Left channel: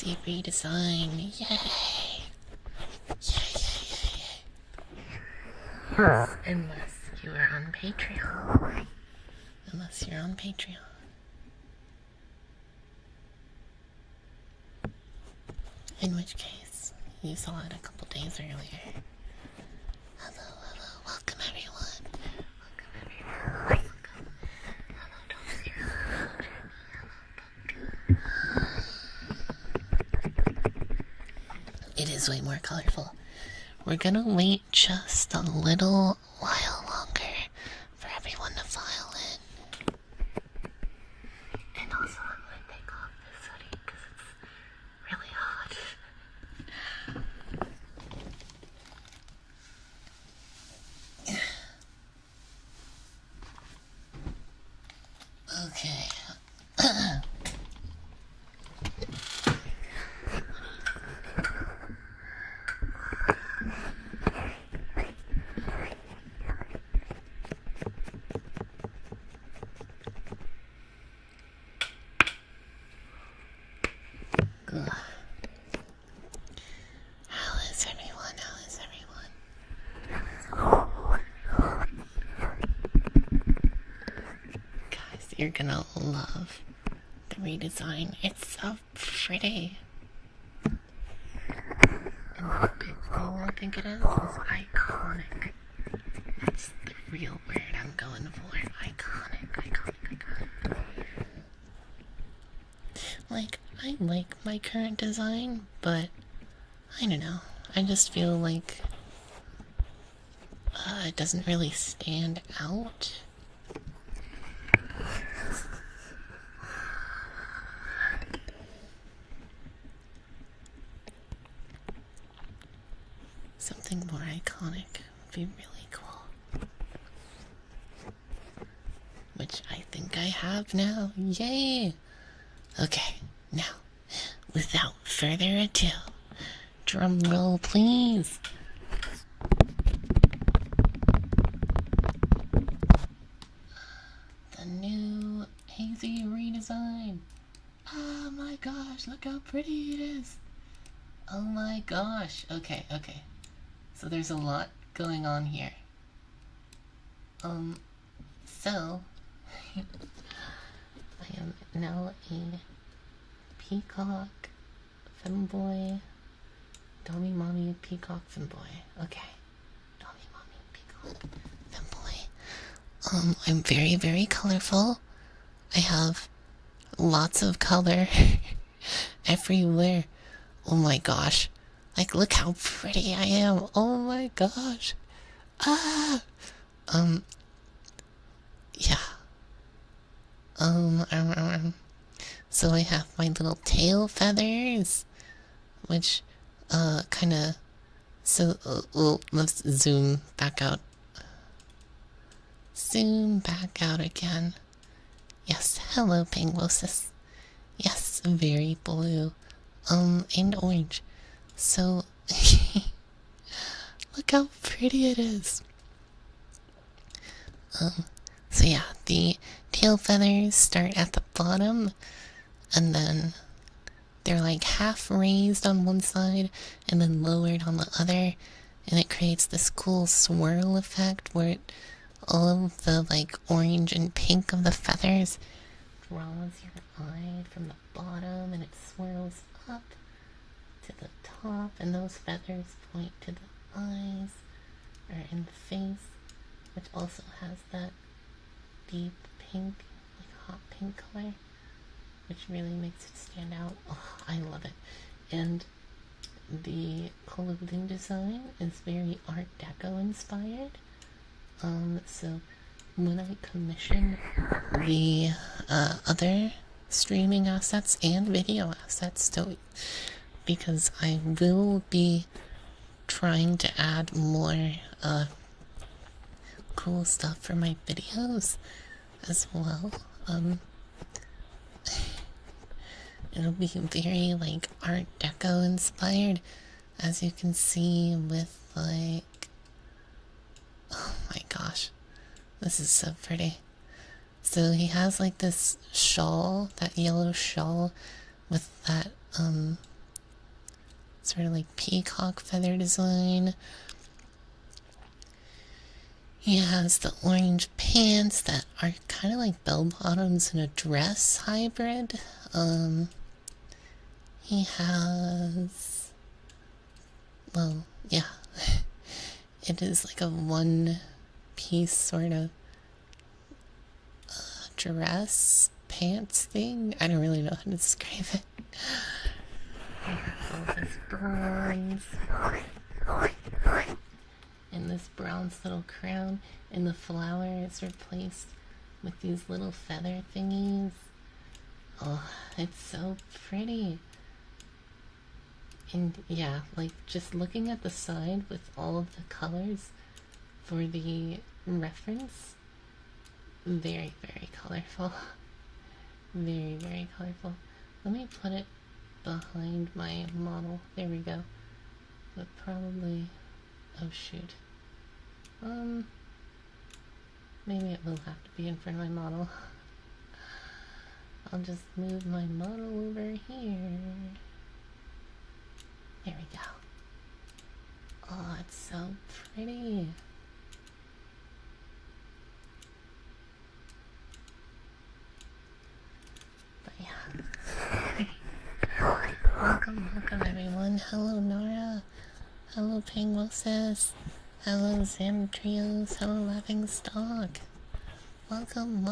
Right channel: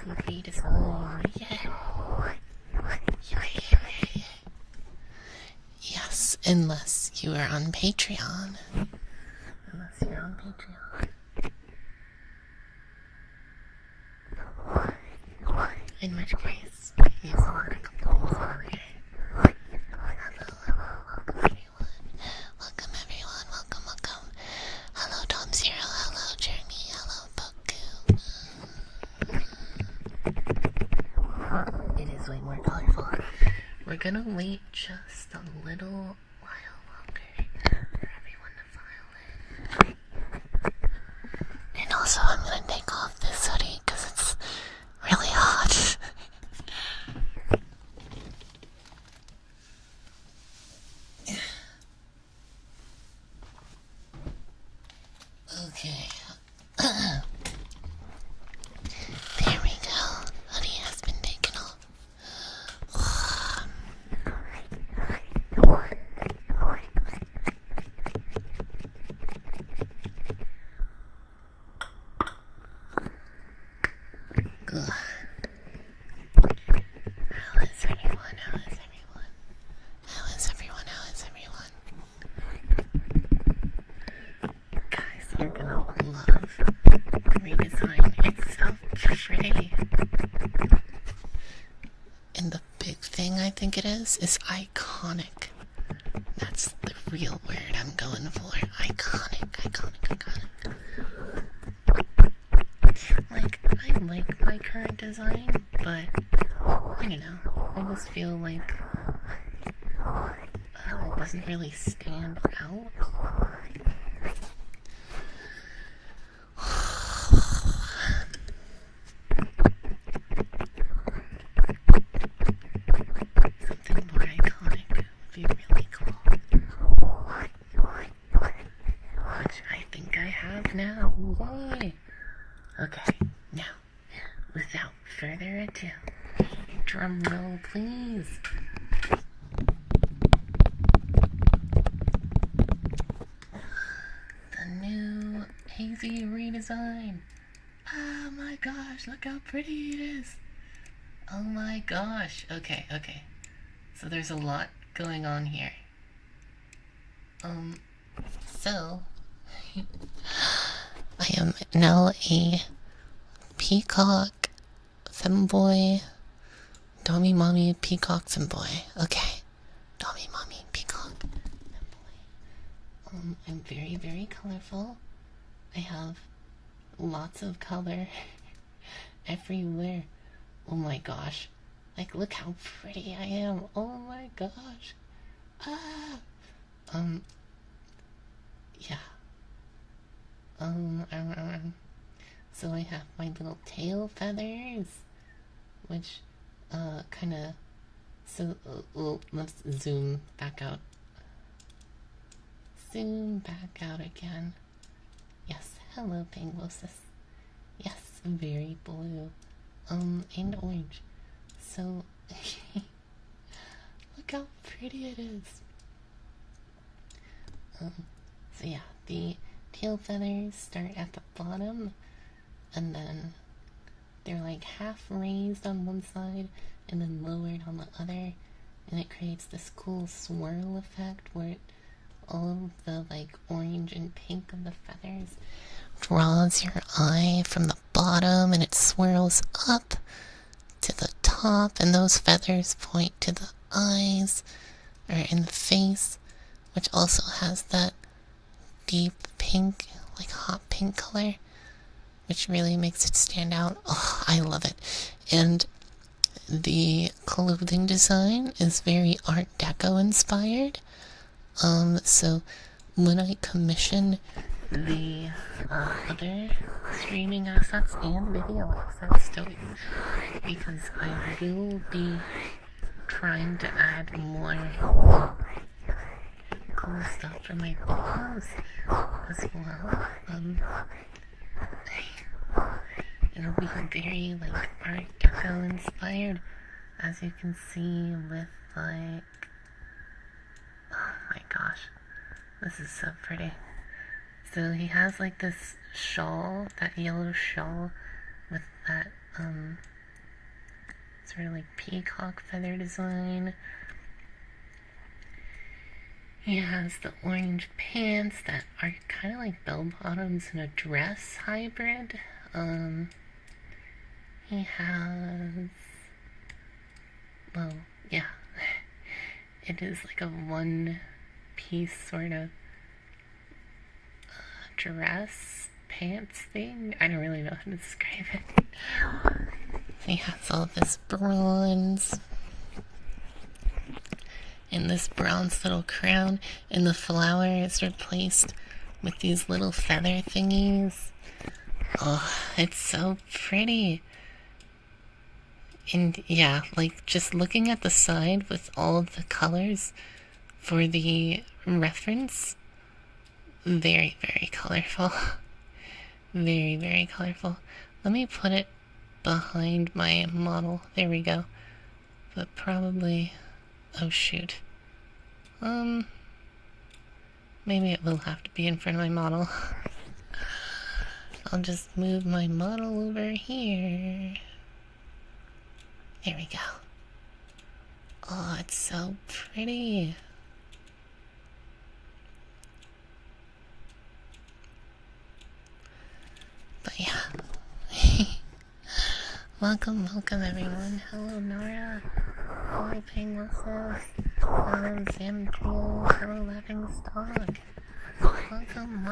Hazy redesign. Yay! Yay! Yes, unless you are on Patreon. Unless you're on Patreon. In which case, you saw it a couple days earlier. Hello, welcome everyone. Welcome everyone, welcome. Hello Tom Zero, hello Jeremy, hello Boku. It is way more colorful. We're gonna wait just a little while longer for everyone to file in. And also I'm gonna take off this hoodie because it's really hot. Okay. There we go. Hoodie has been taken off. Good. How is everyone? How is everyone? How is everyone? How is everyone? Guys, you're gonna love the redesign. It's so pretty. And the big thing I think it is iconic. That's the real word I'm going for. Iconic, iconic, iconic. Like, I like my current design, but I don't know. I just feel like it doesn't really stand out. Something more iconic would be really cool. Which I think I have now. Yay! Okay, now, without further ado, drum roll please. The new Hazy redesign. Oh my gosh, look how pretty it is. Oh my gosh. Okay. So there's a lot going on here. So I am now a peacock femboy, dommy mommy peacock femboy. Okay, dommy mommy peacock femboy. I'm very, very colorful. I have lots of color everywhere. Oh my gosh. Like, look how pretty I am. Oh my gosh. Ah. Yeah. So I have my little tail feathers, which, kinda, so, let's zoom back out. Zoom back out again. Yes, hello, Penguosis. Yes, very blue, and orange. So, look how pretty it is. So yeah, the tail feathers start at the bottom, and then they're like half raised on one side and then lowered on the other, and it creates this cool swirl effect where all of the like orange and pink of the feathers draws your eye from the bottom, and it swirls up to the top, and those feathers point to the eyes or in the face, which also has that deep pink, like hot pink color, which really makes it stand out. Oh, I love it. And the clothing design is very Art Deco inspired. So when I commission the other streaming assets and video assets too, because I will be trying to add more cool stuff for my videos as well. It'll be very like Art Deco inspired, as you can see with like, oh my gosh, this is so pretty. So he has like this shawl, that yellow shawl with that sort of like peacock feather design. He has the orange pants that are kind of like bell bottoms and a dress hybrid. He has, well, yeah, it is like a one-piece sort of dress pants thing. I don't really know how to describe it. He has all this bronze and this bronze little crown, and the flower is replaced with these little feather thingies. Oh, it's so pretty. And yeah, like just looking at the side with all of the colors for the reference, very, very colorful. Very, very colorful. Let me put it behind my model. There we go. But probably, oh shoot. Maybe it will have to be in front of my model. I'll just move my model over here. There we go. Oh, it's so pretty. But yeah. Welcome everyone. Hello Nora. Hello Pangnosis. Hello Zamtrios. Hello Laughing Stock. Welcome.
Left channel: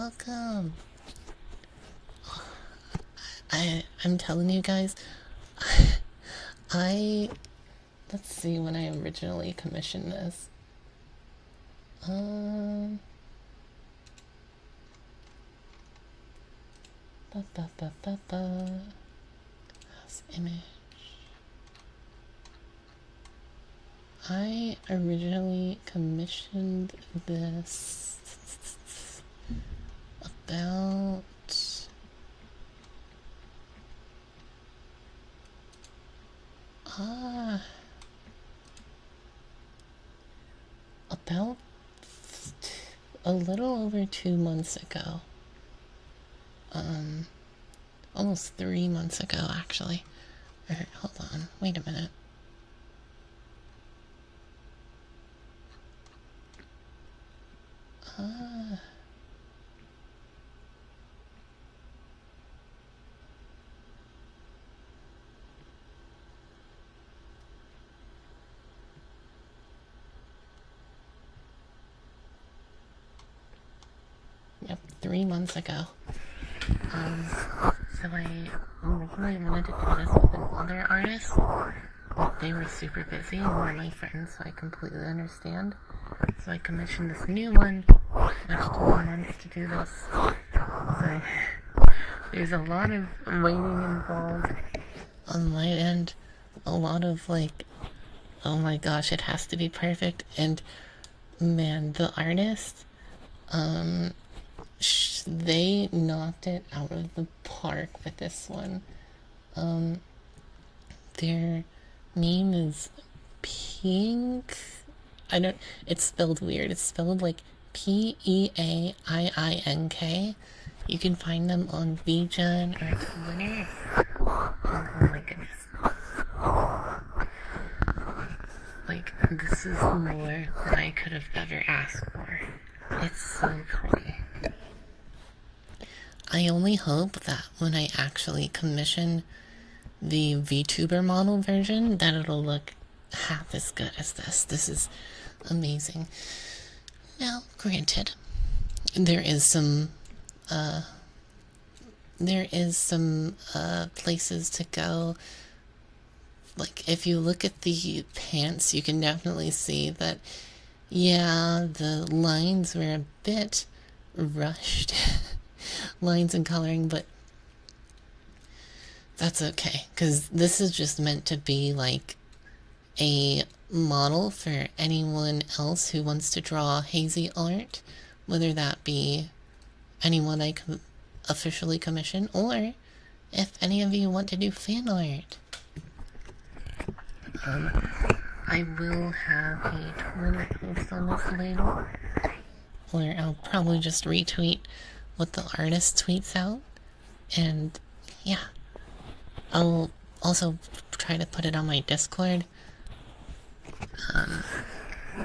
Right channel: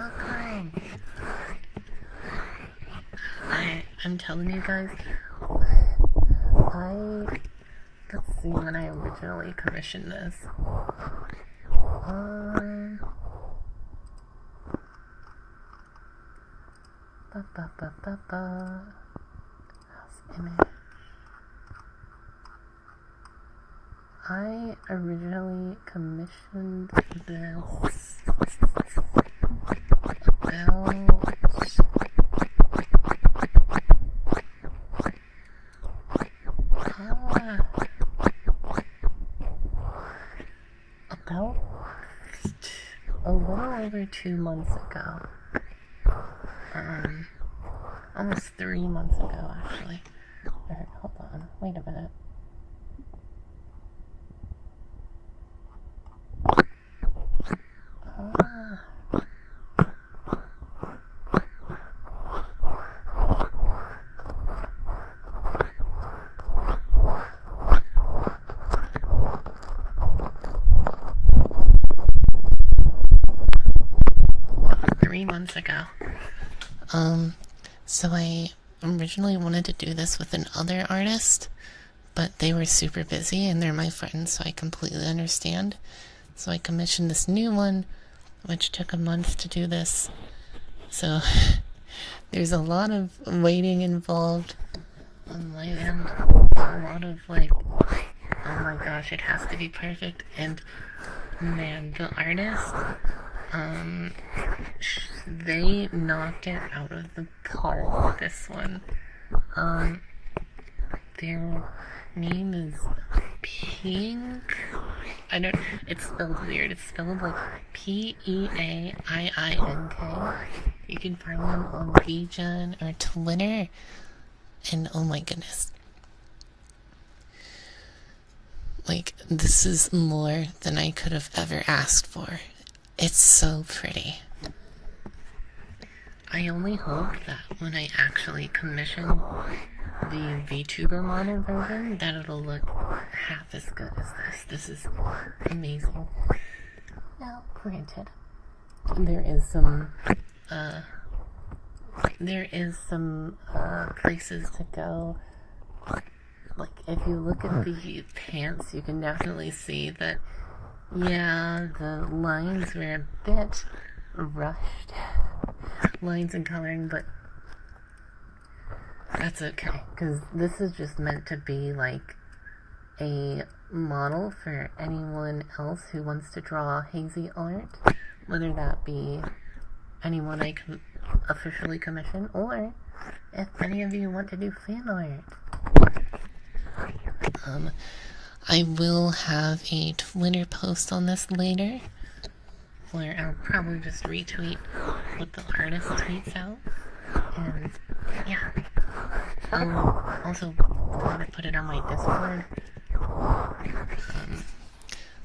I'm telling you guys, let's see when I originally commissioned this. House image. I originally commissioned this about a little over 2 months ago. Almost 3 months ago, actually. Alright, hold on. Wait a minute. Months ago. So I originally wanted to do this with another artist, but they were super busy and they're my friends, so I completely understand. So I commissioned this new one, which took a month to do this. So there's a lot of waiting involved on my end. A lot of like, oh my gosh, it has to be perfect. And man, the artist, they knocked it out of the park with this one. Their name is Pink. It's spelled weird. It's spelled like Peaink. You can find them on VGen or Twitter. And oh my goodness. Like, this is more than I could have ever asked for. It's so pretty. I only hope that when I actually commission the VTuber model version, that it'll look half as good as this. This is amazing. Now, granted, there is some places to go. Like, if you look at the pants, you can definitely see that, yeah, the lines were a bit rushed. Lines and coloring, but that's okay, because this is just meant to be like a model for anyone else who wants to draw Hazy art, whether that be anyone I can officially commission, or if any of you want to do fan art. I will have a Twitter post on this later, where I'll probably just retweet what the artist tweets out, and yeah. I'll also try to put it on my Discord.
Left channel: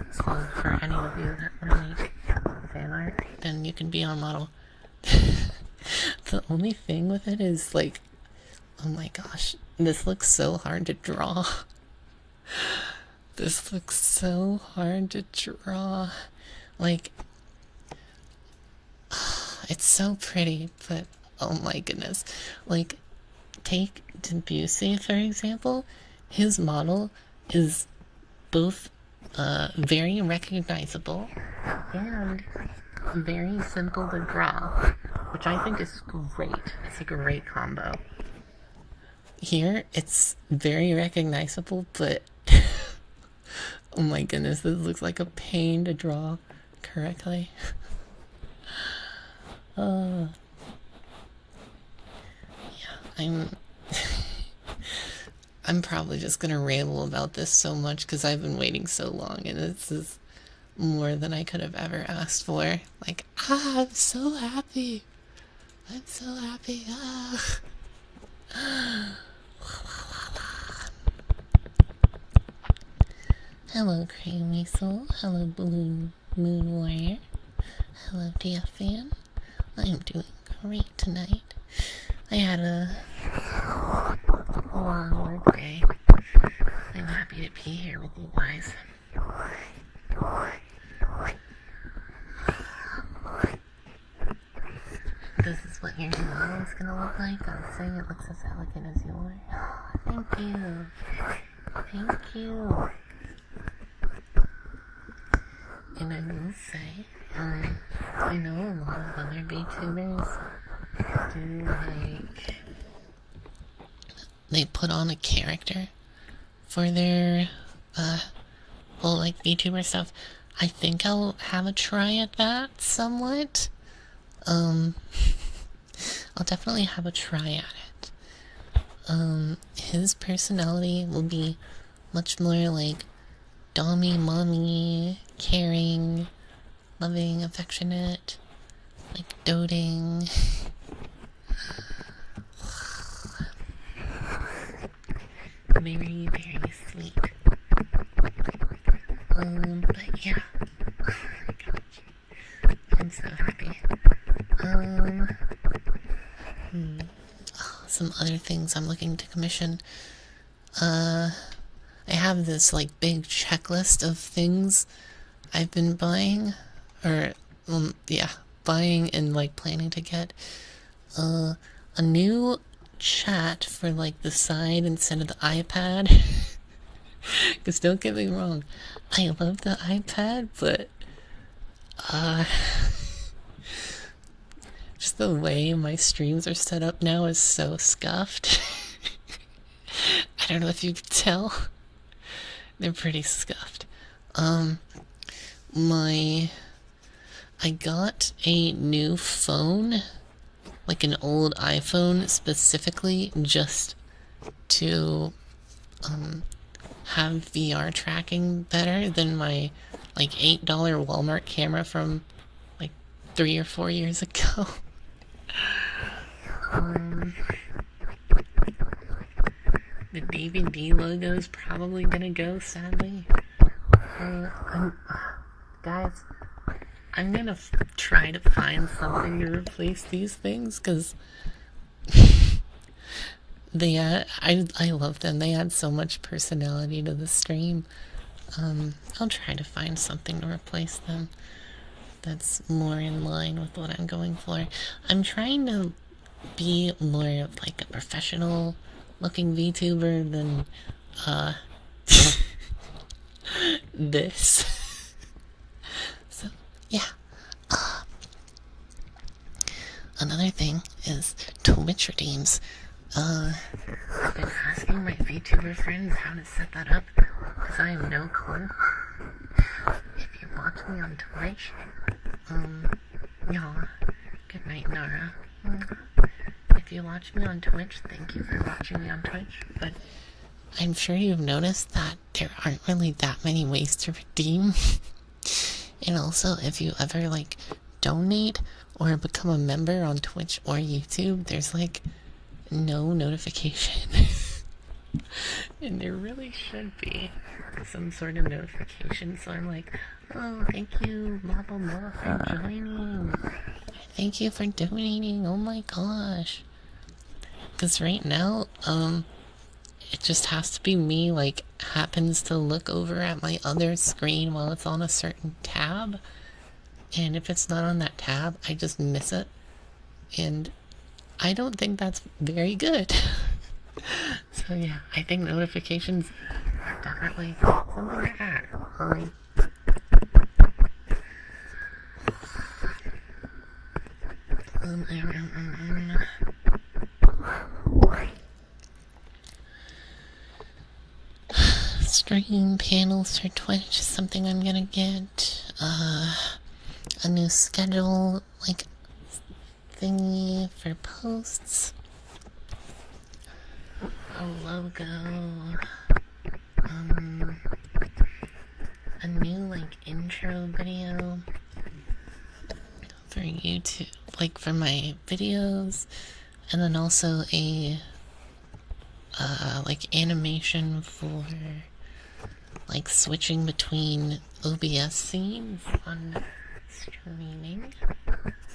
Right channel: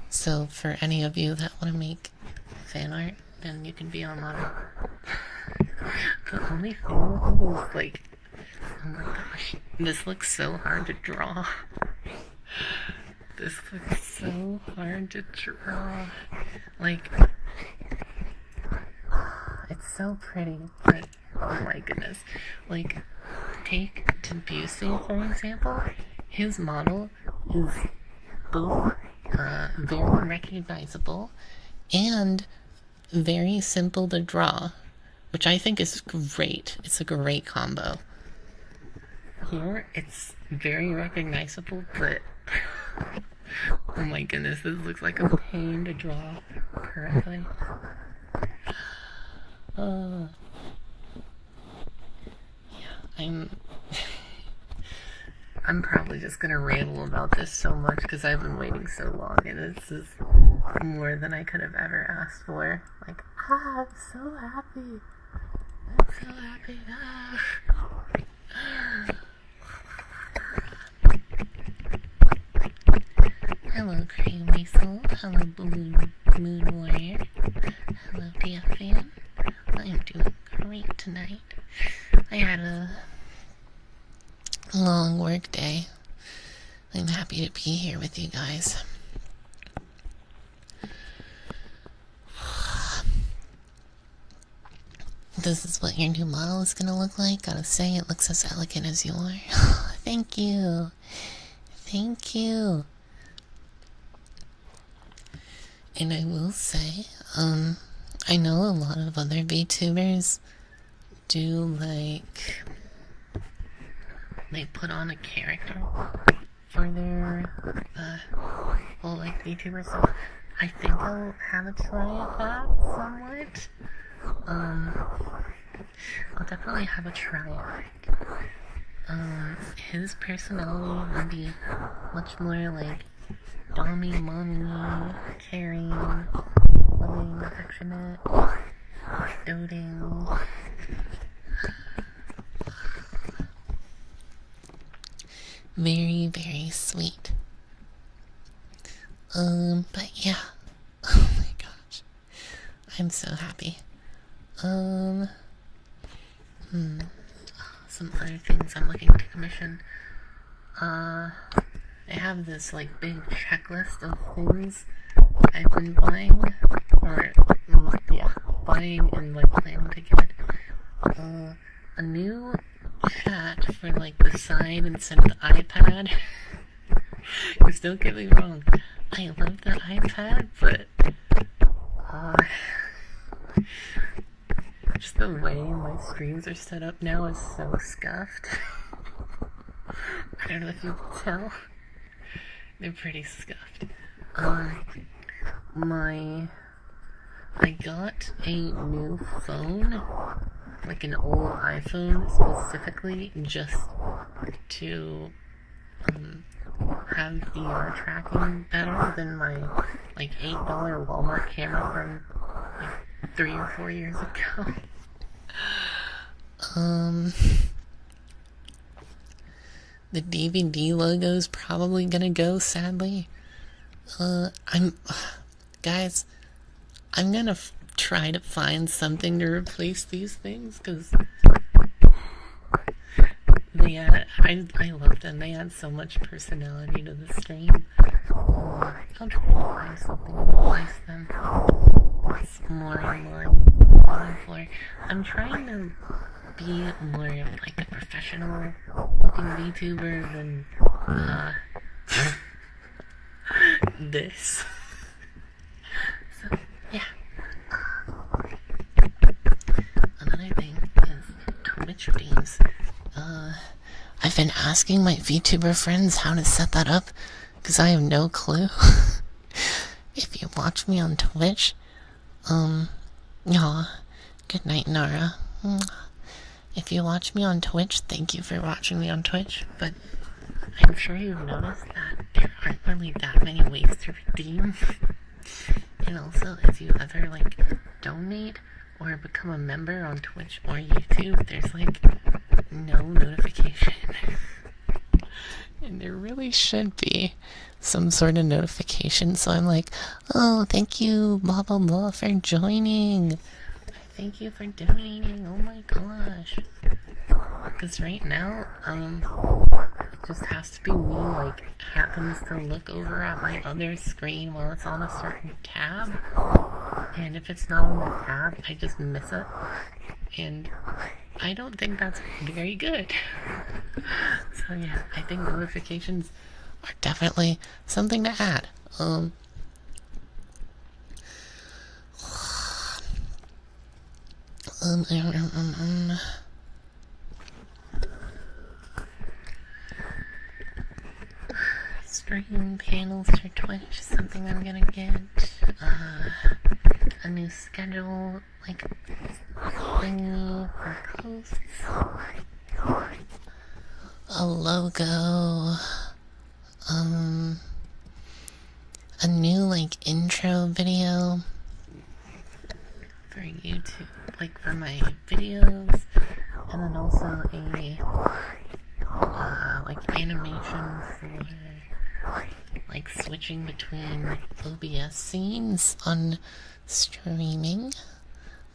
So for any of you that want to make fan art, then you can be on there. The only thing with it is like, oh my gosh, this looks so hard to draw. This looks so hard to draw. Like, it's so pretty, but oh my goodness. Like, take Debussy for example. His model is both very recognizable and very simple to draw, which I think is great. It's a great combo. Here, it's very recognizable, but oh my goodness, this looks like a pain to draw correctly. Oh, yeah, I'm probably just gonna ramble about this so much because I've been waiting so long, and this is more than I could have ever asked for. Like, I'm so happy. I'm so happy. Hello, Cream Weasel. Hello, Blue Moon Warrior. Hello, DFan. I'm doing great tonight. I had a long work day. I'm happy to be here with you guys. This is what your new model is gonna look like. Gotta say, it looks as elegant as you are. Thank you. Thank you. And I will say, I know a lot of other VTubers do, like, they put on a character for their, whole, like, VTuber stuff. I think I'll have a try at that somewhat. I'll definitely have a try at it. His personality will be much more, like, dommy, mommy, caring, loving, affectionate, like, doting. Very, very sweet. But yeah. Oh my gosh. I'm so happy. Some other things I'm looking to commission. I have this, like, big checklist of things I've been buying, or, yeah, buying and, like, planning to get. A new chat for, like, the side instead of the iPad. Because don't get me wrong, I love the iPad, but, just the way my streams are set up now is so scuffed. I don't know if you can tell. They're pretty scuffed. I got a new phone, like an old iPhone specifically just to, have VR tracking better than my, like, $8 Walmart camera from, like, 3 or 4 years ago. The DVD logo's probably gonna go, sadly. Guys, I'm gonna try to find something to replace these things, because they I love them. They add so much personality to the stream. I'll try to find something to replace them that's more in line with what I'm going for. I'm trying to be more of, like, a professional looking VTuber than this. So yeah. Another thing is Twitch redeems. I've been asking my VTuber friends how to set that up because I have no clue. If you watch me on Twitch, aw, good night, Nara. If you watch me on Twitch, thank you for watching me on Twitch, but I'm sure you've noticed that there aren't really that many ways to redeem. And also, if you ever, like, donate or become a member on Twitch or YouTube, there's, like, no notification. And there really should be some sort of notification, so I'm like, oh, thank you, blah blah blah, for joining. Thank you for donating. Oh my gosh. Because right now, it just has to be me, like, happens to look over at my other screen while it's on a certain tab. And if it's not on that tab, I just miss it. And I don't think that's very good. So yeah, I think notifications are definitely something to add. Stream panels for Twitch is something I'm gonna get. A new schedule, like, thingy for posts. A logo. A new, like, intro video for YouTube, like, for my videos. And then also a, like, animation for, like, switching between OBS scenes on streaming.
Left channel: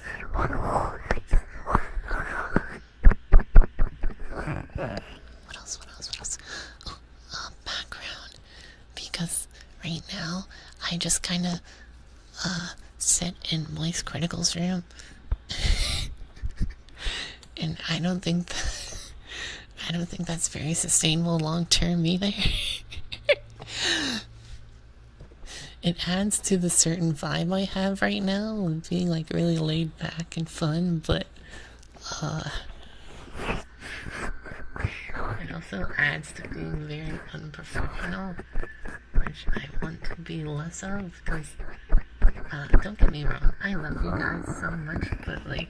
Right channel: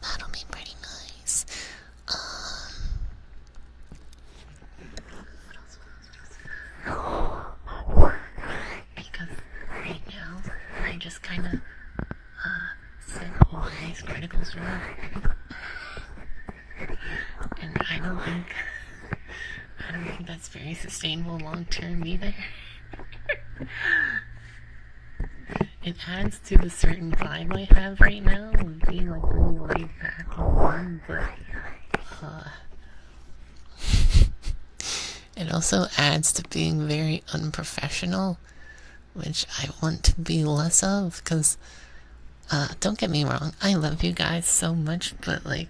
That'll be pretty nice. What else? Oh, background. Because right now, I just kind of, sit in Ice Critical's room. And I don't think that's very sustainable long term either. It adds to the certain vibe I have right now of being, like, really laid back and fun, but it also adds to being very unprofessional, which I want to be less of, because don't get me wrong, I love you guys so much, but, like,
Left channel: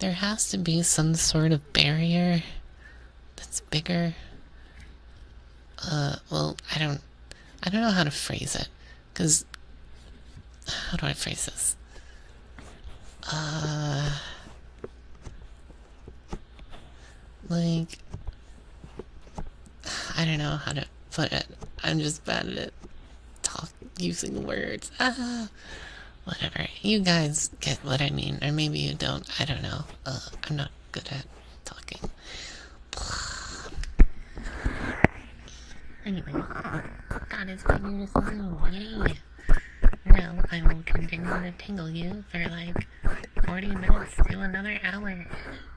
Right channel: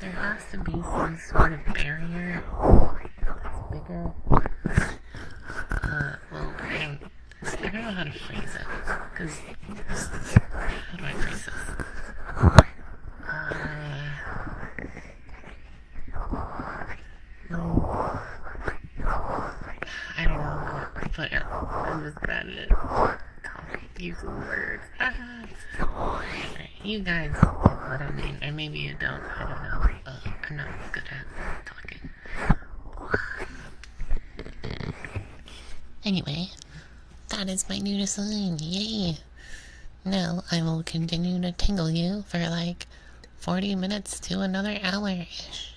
there has to be some sort of barrier that's bigger. Well, I don't know how to phrase it, because, how do I phrase this? Like, I don't know how to put it. I'm just bad at it. Using words. Whatever. You guys get what I mean, or maybe you don't. I don't know. I'm not good at talking. Anyway, that is my new design. Yay! Now I will continue to tingle you for like 40 minutes to another hour-ish.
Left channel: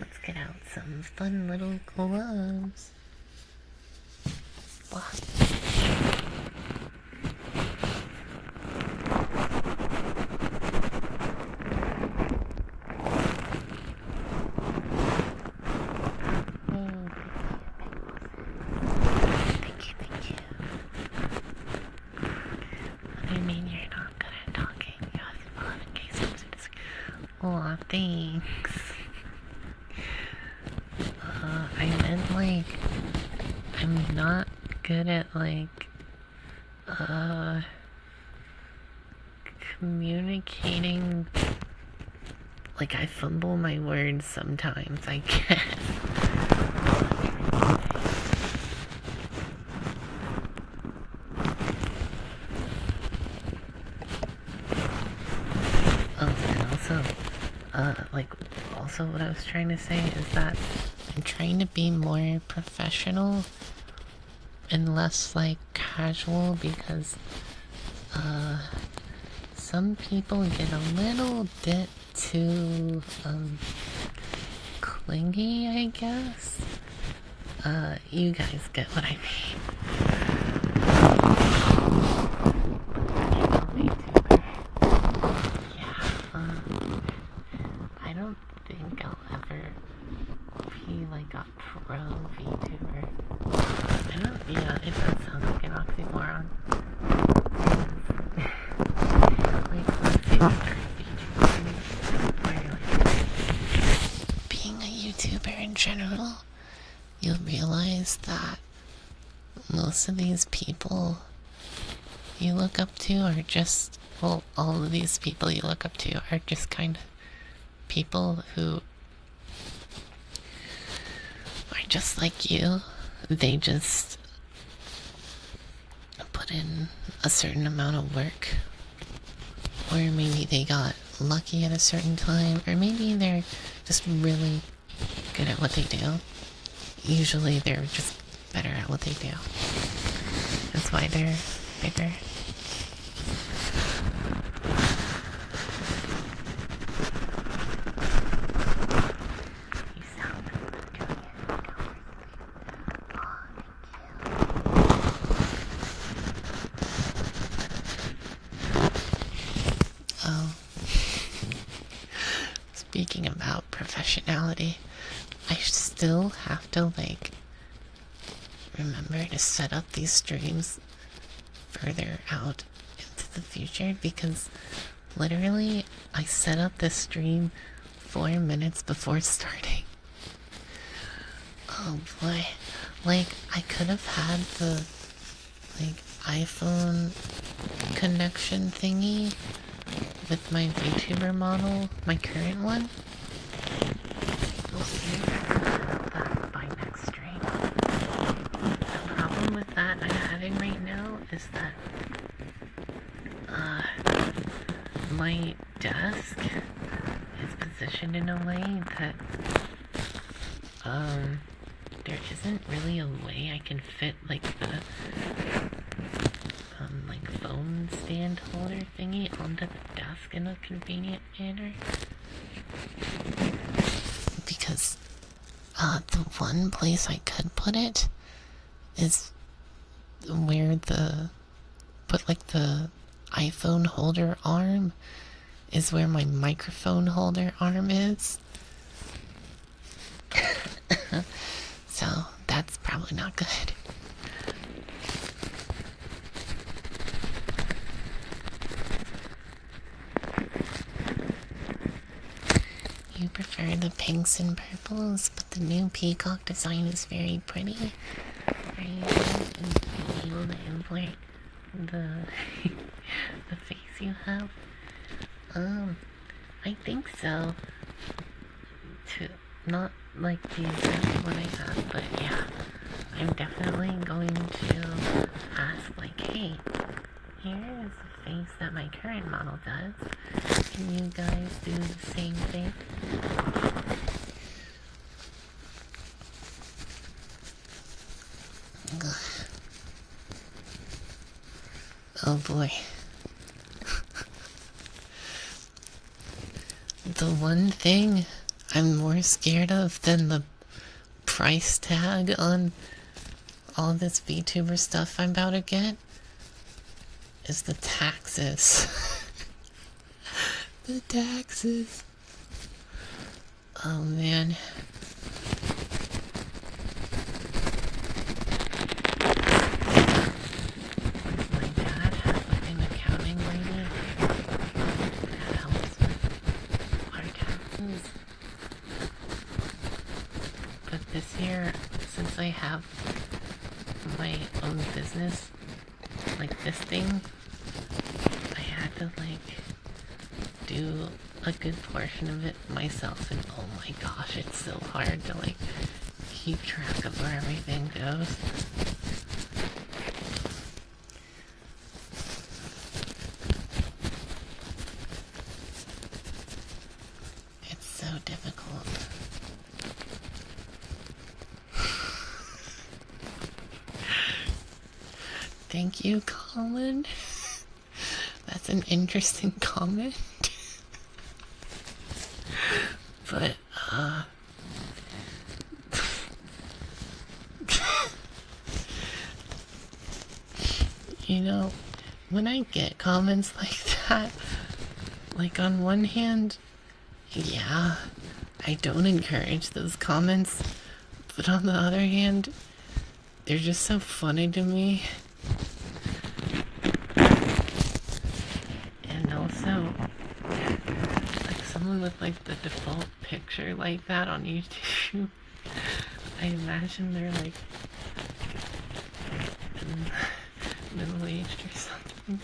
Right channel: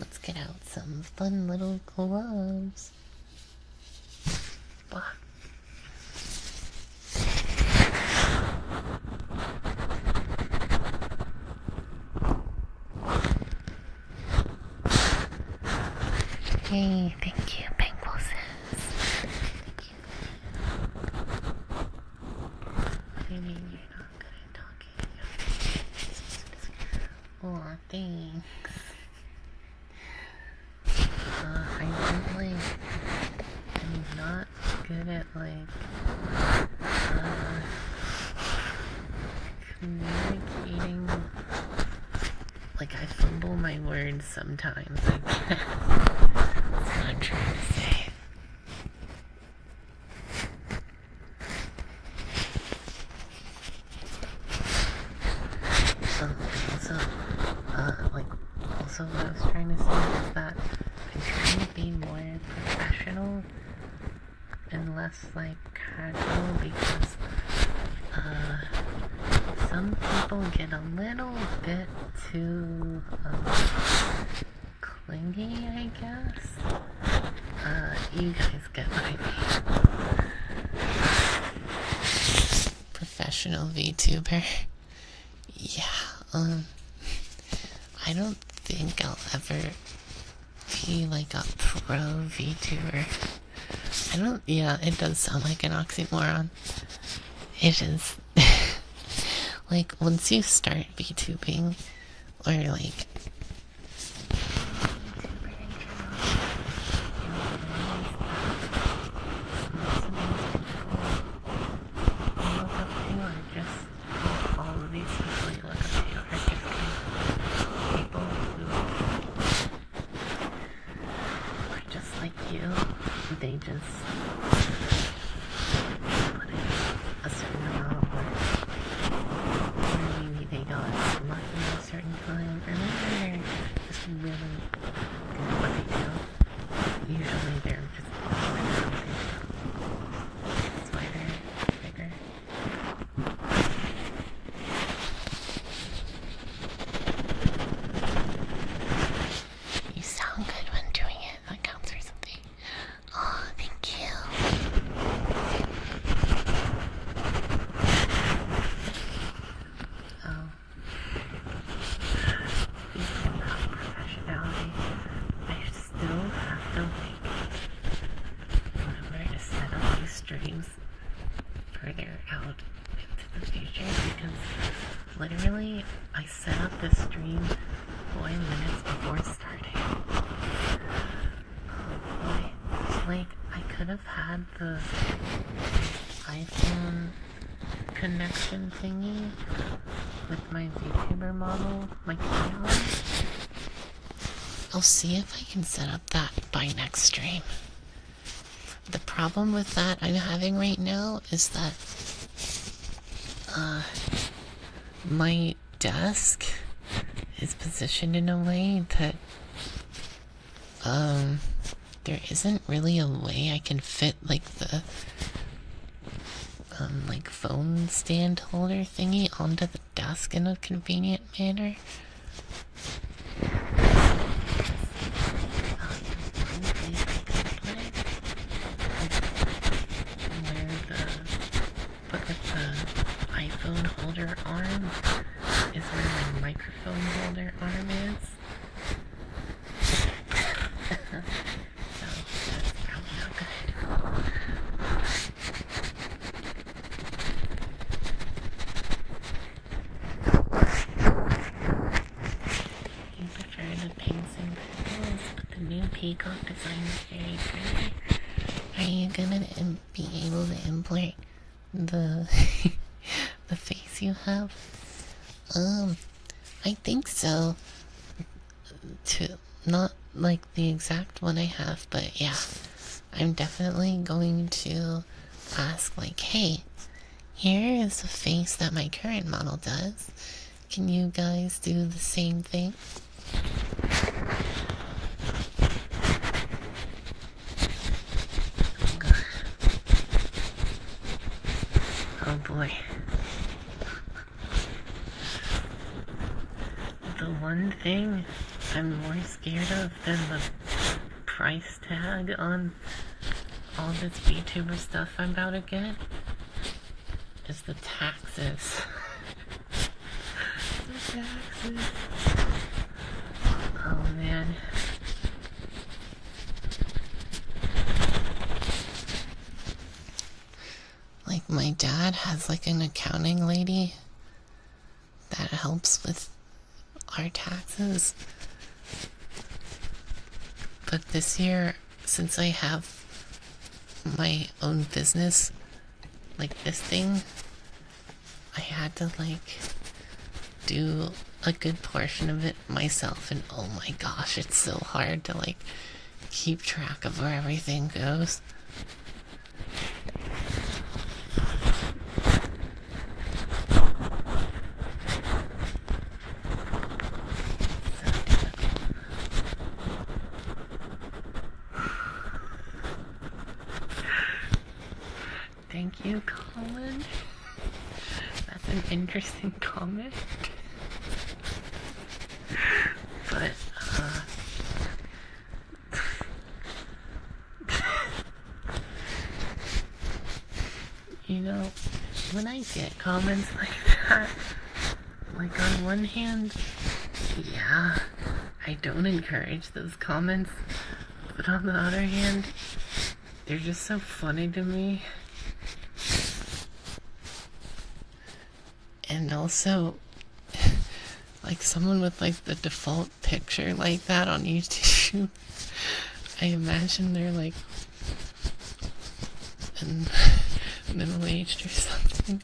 Let's get out some fun little gloves. Wow. Hey, thank you, big bosses. Thank you. I mean, you're not good at talking. Aw, thanks. I don't like. I'm not good at, like, communicating. Like, I fumble my words sometimes, I guess. That's what I'm trying to say. Also what I was trying to say is that I'm trying to be more professional and less, like, casual, because some people get a little bit too clingy, I guess. You guys get what I mean. Professional VTuber. Yeah, I don't think I'll ever be like a pro VTuber. Yeah, it does sound like an oxymoron. It is. Like, once you start VTubing, or like, being a YouTuber in general, you'll realize that most of these people you look up to are just, well, all of these people you look up to are just kind of people who are just like you. They just put in a certain amount of work. Or maybe they got lucky at a certain time, or maybe they're just really good at what they do. Usually they're just better at what they do. That's why they're bigger. You sound good when doing it. That counts for something. Oh, thank you. Oh. Speaking about professionality, I still have to, like, remember to set up these streams further out into the future, because literally I set up this stream 4 minutes before starting. Oh boy. Like, I could have had the iPhone connection thingy with my VTuber model, my current one. I'll see if I can set up that by next stream. The problem with that I'm having right now is that my desk is positioned in a way that there isn't really a way I can fit like the like phone stand holder thingy onto the desk in a convenient manner. Because the one place I could put it is where the iPhone holder arm is where my microphone holder arm is. So that's probably not good. You prefer the pinks and purples, but the new peacock design is very pretty. Are you going to be able to import the the face you have? I think so. Not like the exact one I have, but yeah. I'm definitely going to ask, like, hey, here is a face that my current model does. Can you guys do the same thing? Oh boy. The one thing I'm more scared of than the price tag on all this VTuber stuff I'm about to get is the taxes. The taxes. Oh man. Like, my dad has like an accounting lady that helps with our taxes. But this year, since I have my own business, like this thing, I had to like do a good portion of it myself, and oh my gosh, it's so hard to like keep track of where everything goes. It's so difficult. Thank you, Colin. That's an interesting comment. But, You know, when I get comments like that, like on one hand, yeah, I don't encourage those comments, but on the other hand, they're just so funny to me. And also, like someone with like the default picture like that on YouTube, I imagine they're like middle-aged or something.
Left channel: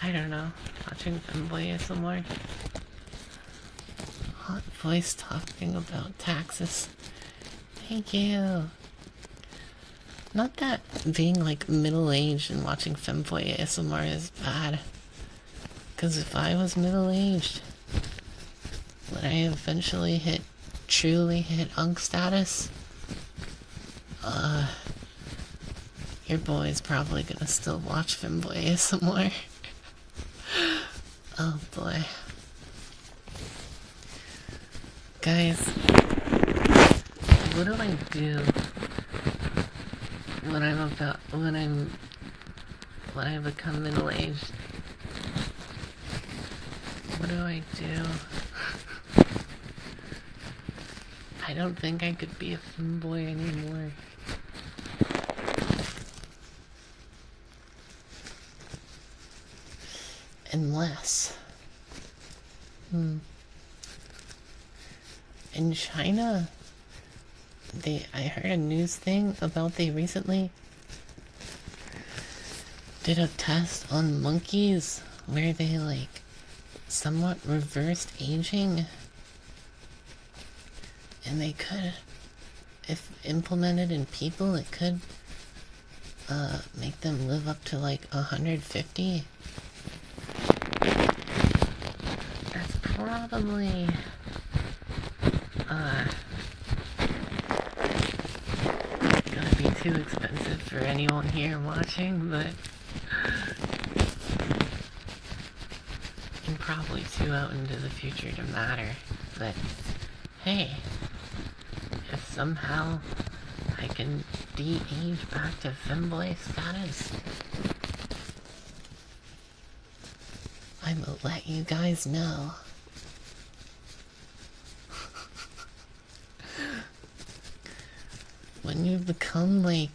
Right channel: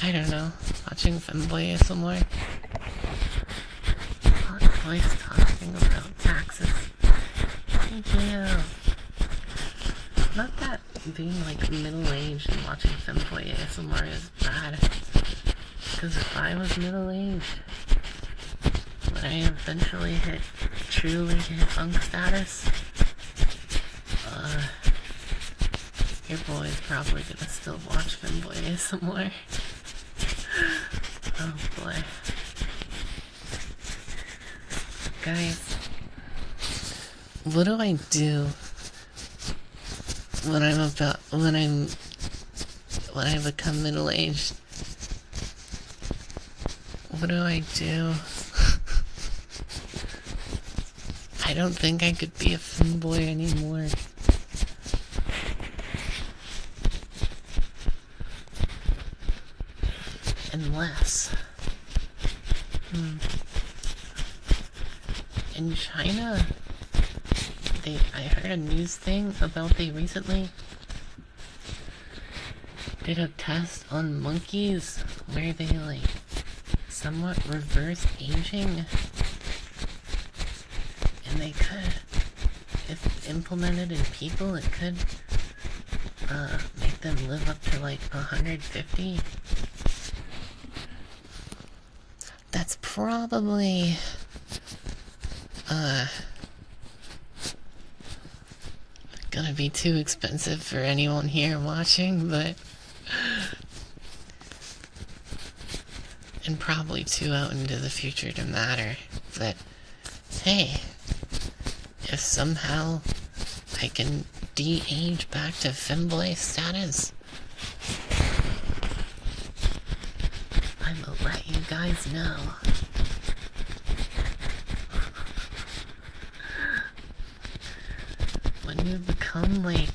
I don't know. Watching Femboy ASMR. Hot voice talking about taxes. Thank you. Not that being like middle-aged and watching Femboy ASMR is bad. Because if I was middle-aged, when I eventually truly hit unk status, your boy's probably gonna still watch Femboy ASMR. Oh boy. Guys, what do I do when I become middle-aged? What do I do? I don't think I could be a femboy anymore. Unless... In China, I heard a news thing about they recently did a test on monkeys where they like somewhat reversed aging, and they could, if implemented in people, it could make them live up to like 150. That's probably gonna be too expensive for anyone here watching, but and probably too out into the future to matter. But hey, if somehow I can de-age back to femboy status, I will let you guys know. When you become like,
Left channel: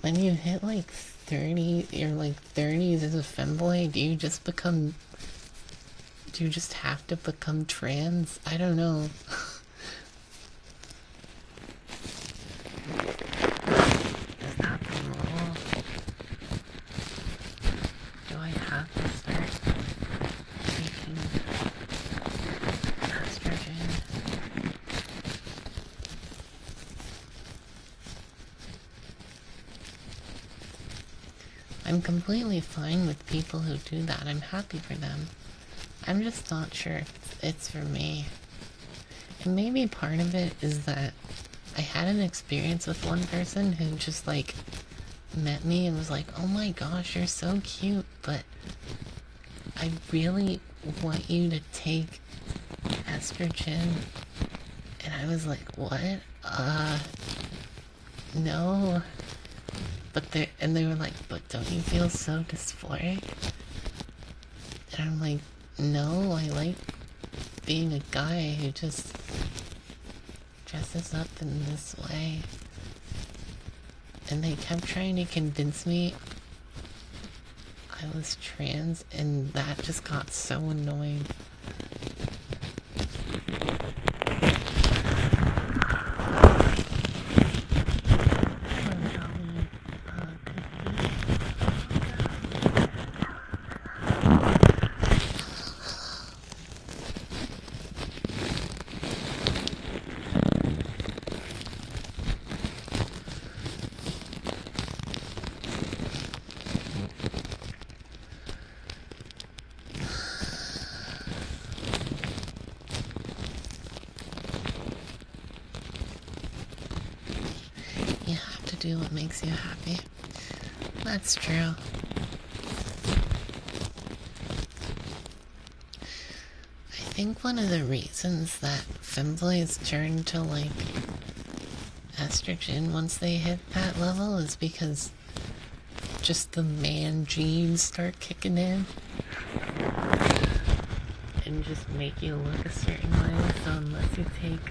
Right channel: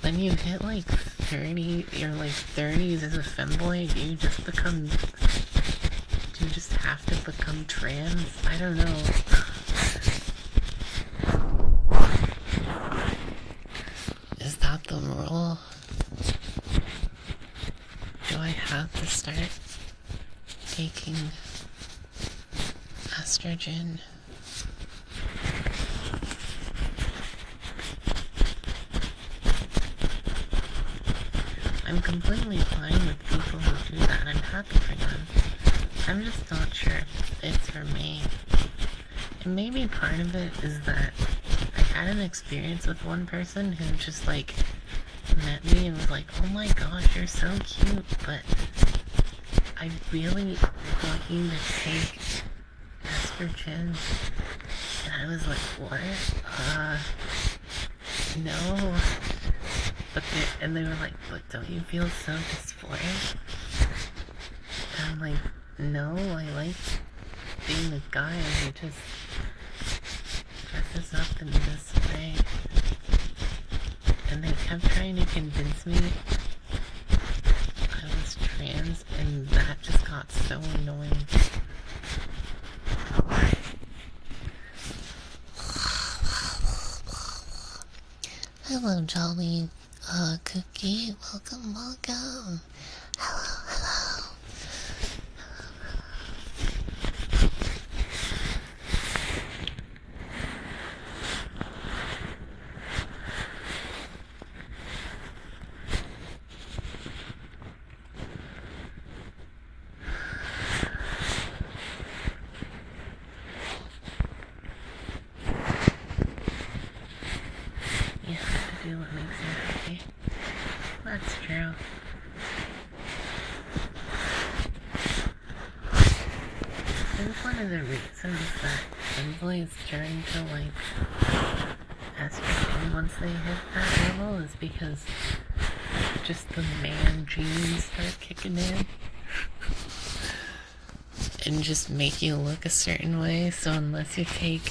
when you hit like 30 or like 30s as a femboy, do you just have to become trans? I don't know. Is that the rule? Do I have to start taking estrogen? I'm completely fine with people who do that. I'm happy for them. I'm just not sure if it's for me. And maybe part of it is that I had an experience with one person who just like met me and was like, oh my gosh, you're so cute, but I really want you to take estrogen. And I was like, what? No. But they were like, but don't you feel so dysphoric? And I'm like, no, I like being a guy who just dresses up in this way. And they kept trying to convince me I was trans, and that just got so annoying. Hello, Jolly. Cookie, welcome. Hello. You have to do what makes you happy. That's true. I think one of the reasons that femboys turn to like estrogen once they hit that level is because just the man genes start kicking in and just make you look a certain way. So unless you take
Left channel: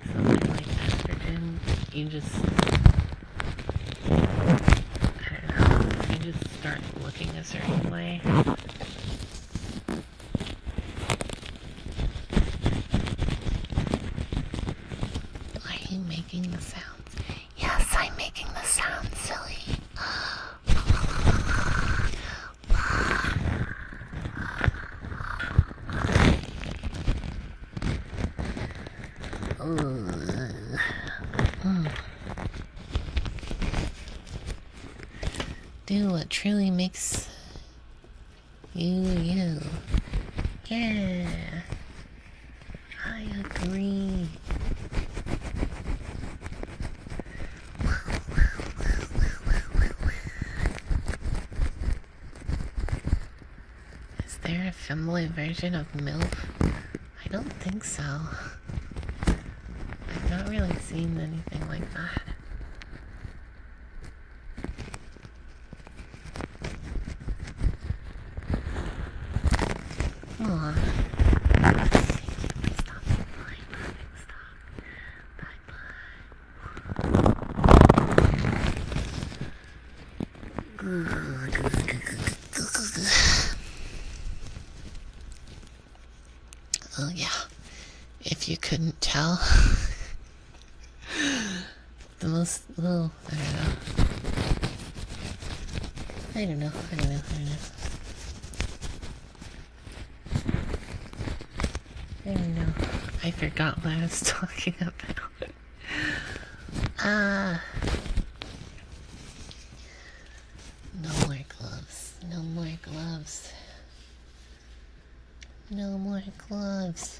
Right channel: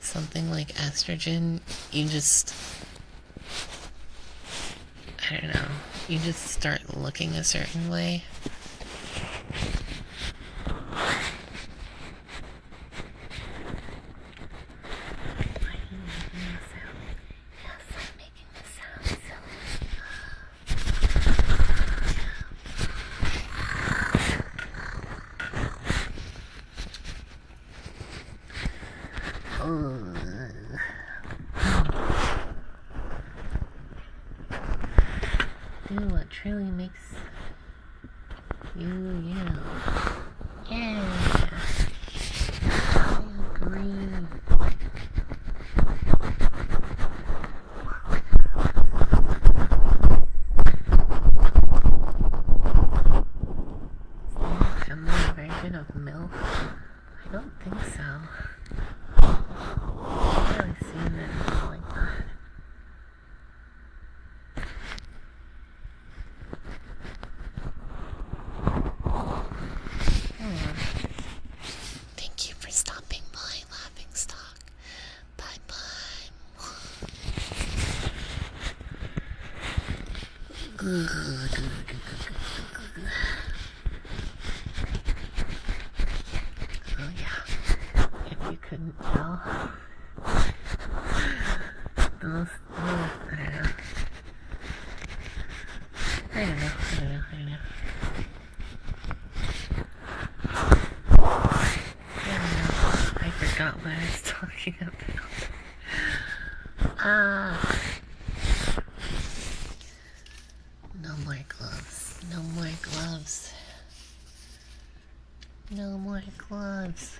something like estrogen, you just, I don't know, you just start looking a certain way. Are you making the sound? Yes, I'm making the sound, silly. Do what truly makes you you. Yeah, I agree. Is there a female version of milk? I don't think so. I've never really seen anything like that. Aww. Thank you for stopping by, laughing stock. Bye bye. Oh yeah. If you couldn't tell, the most, well, I don't know. I forgot what I was talking about. No more gloves. No more gloves. No more gloves.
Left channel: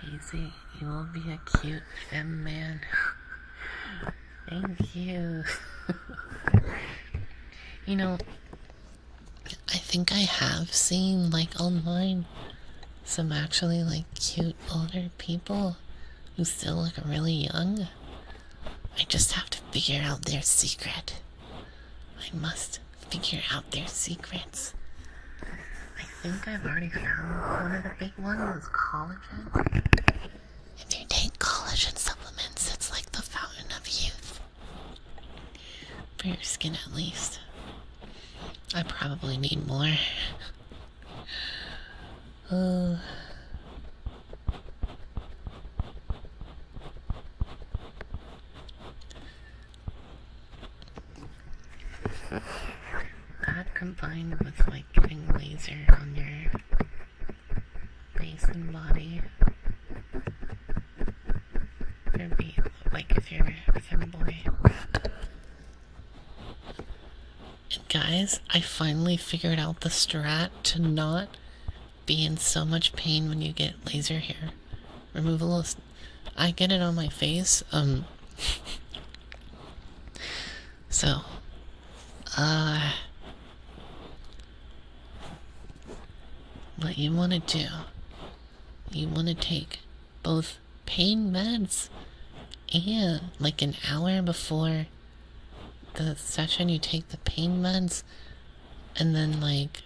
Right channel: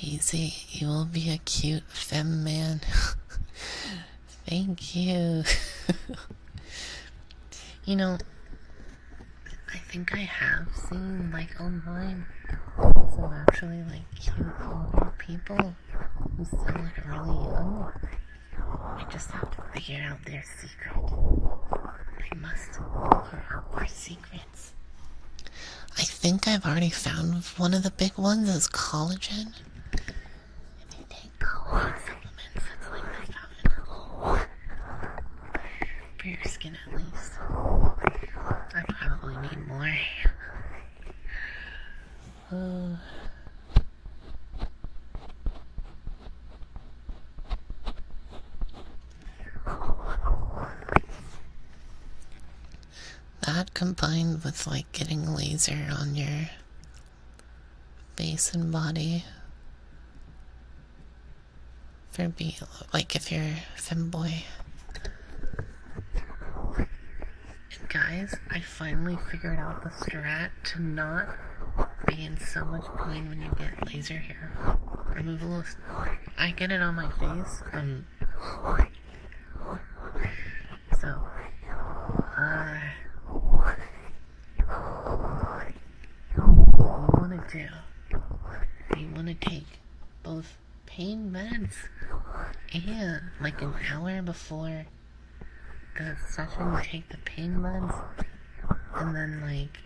Hazy, you will be a cute femme man. Thank you. You know, I think I have seen, like, online, some actually, like, cute older people who still look really young. I just have to figure out their secret. I must figure out their secrets. I think I've already found one of the big ones is collagen. If you take collagen supplements, it's like the fountain of youth. For your skin, at least. I probably need more. That combined with like getting laser on your face and body for being like if you're a femboy. And guys, I finally figured out the strat to not be in so much pain when you get laser hair removal. I get it on my face, so what you want to do, you want to take both pain meds and like an hour before the session you take the pain meds, and then like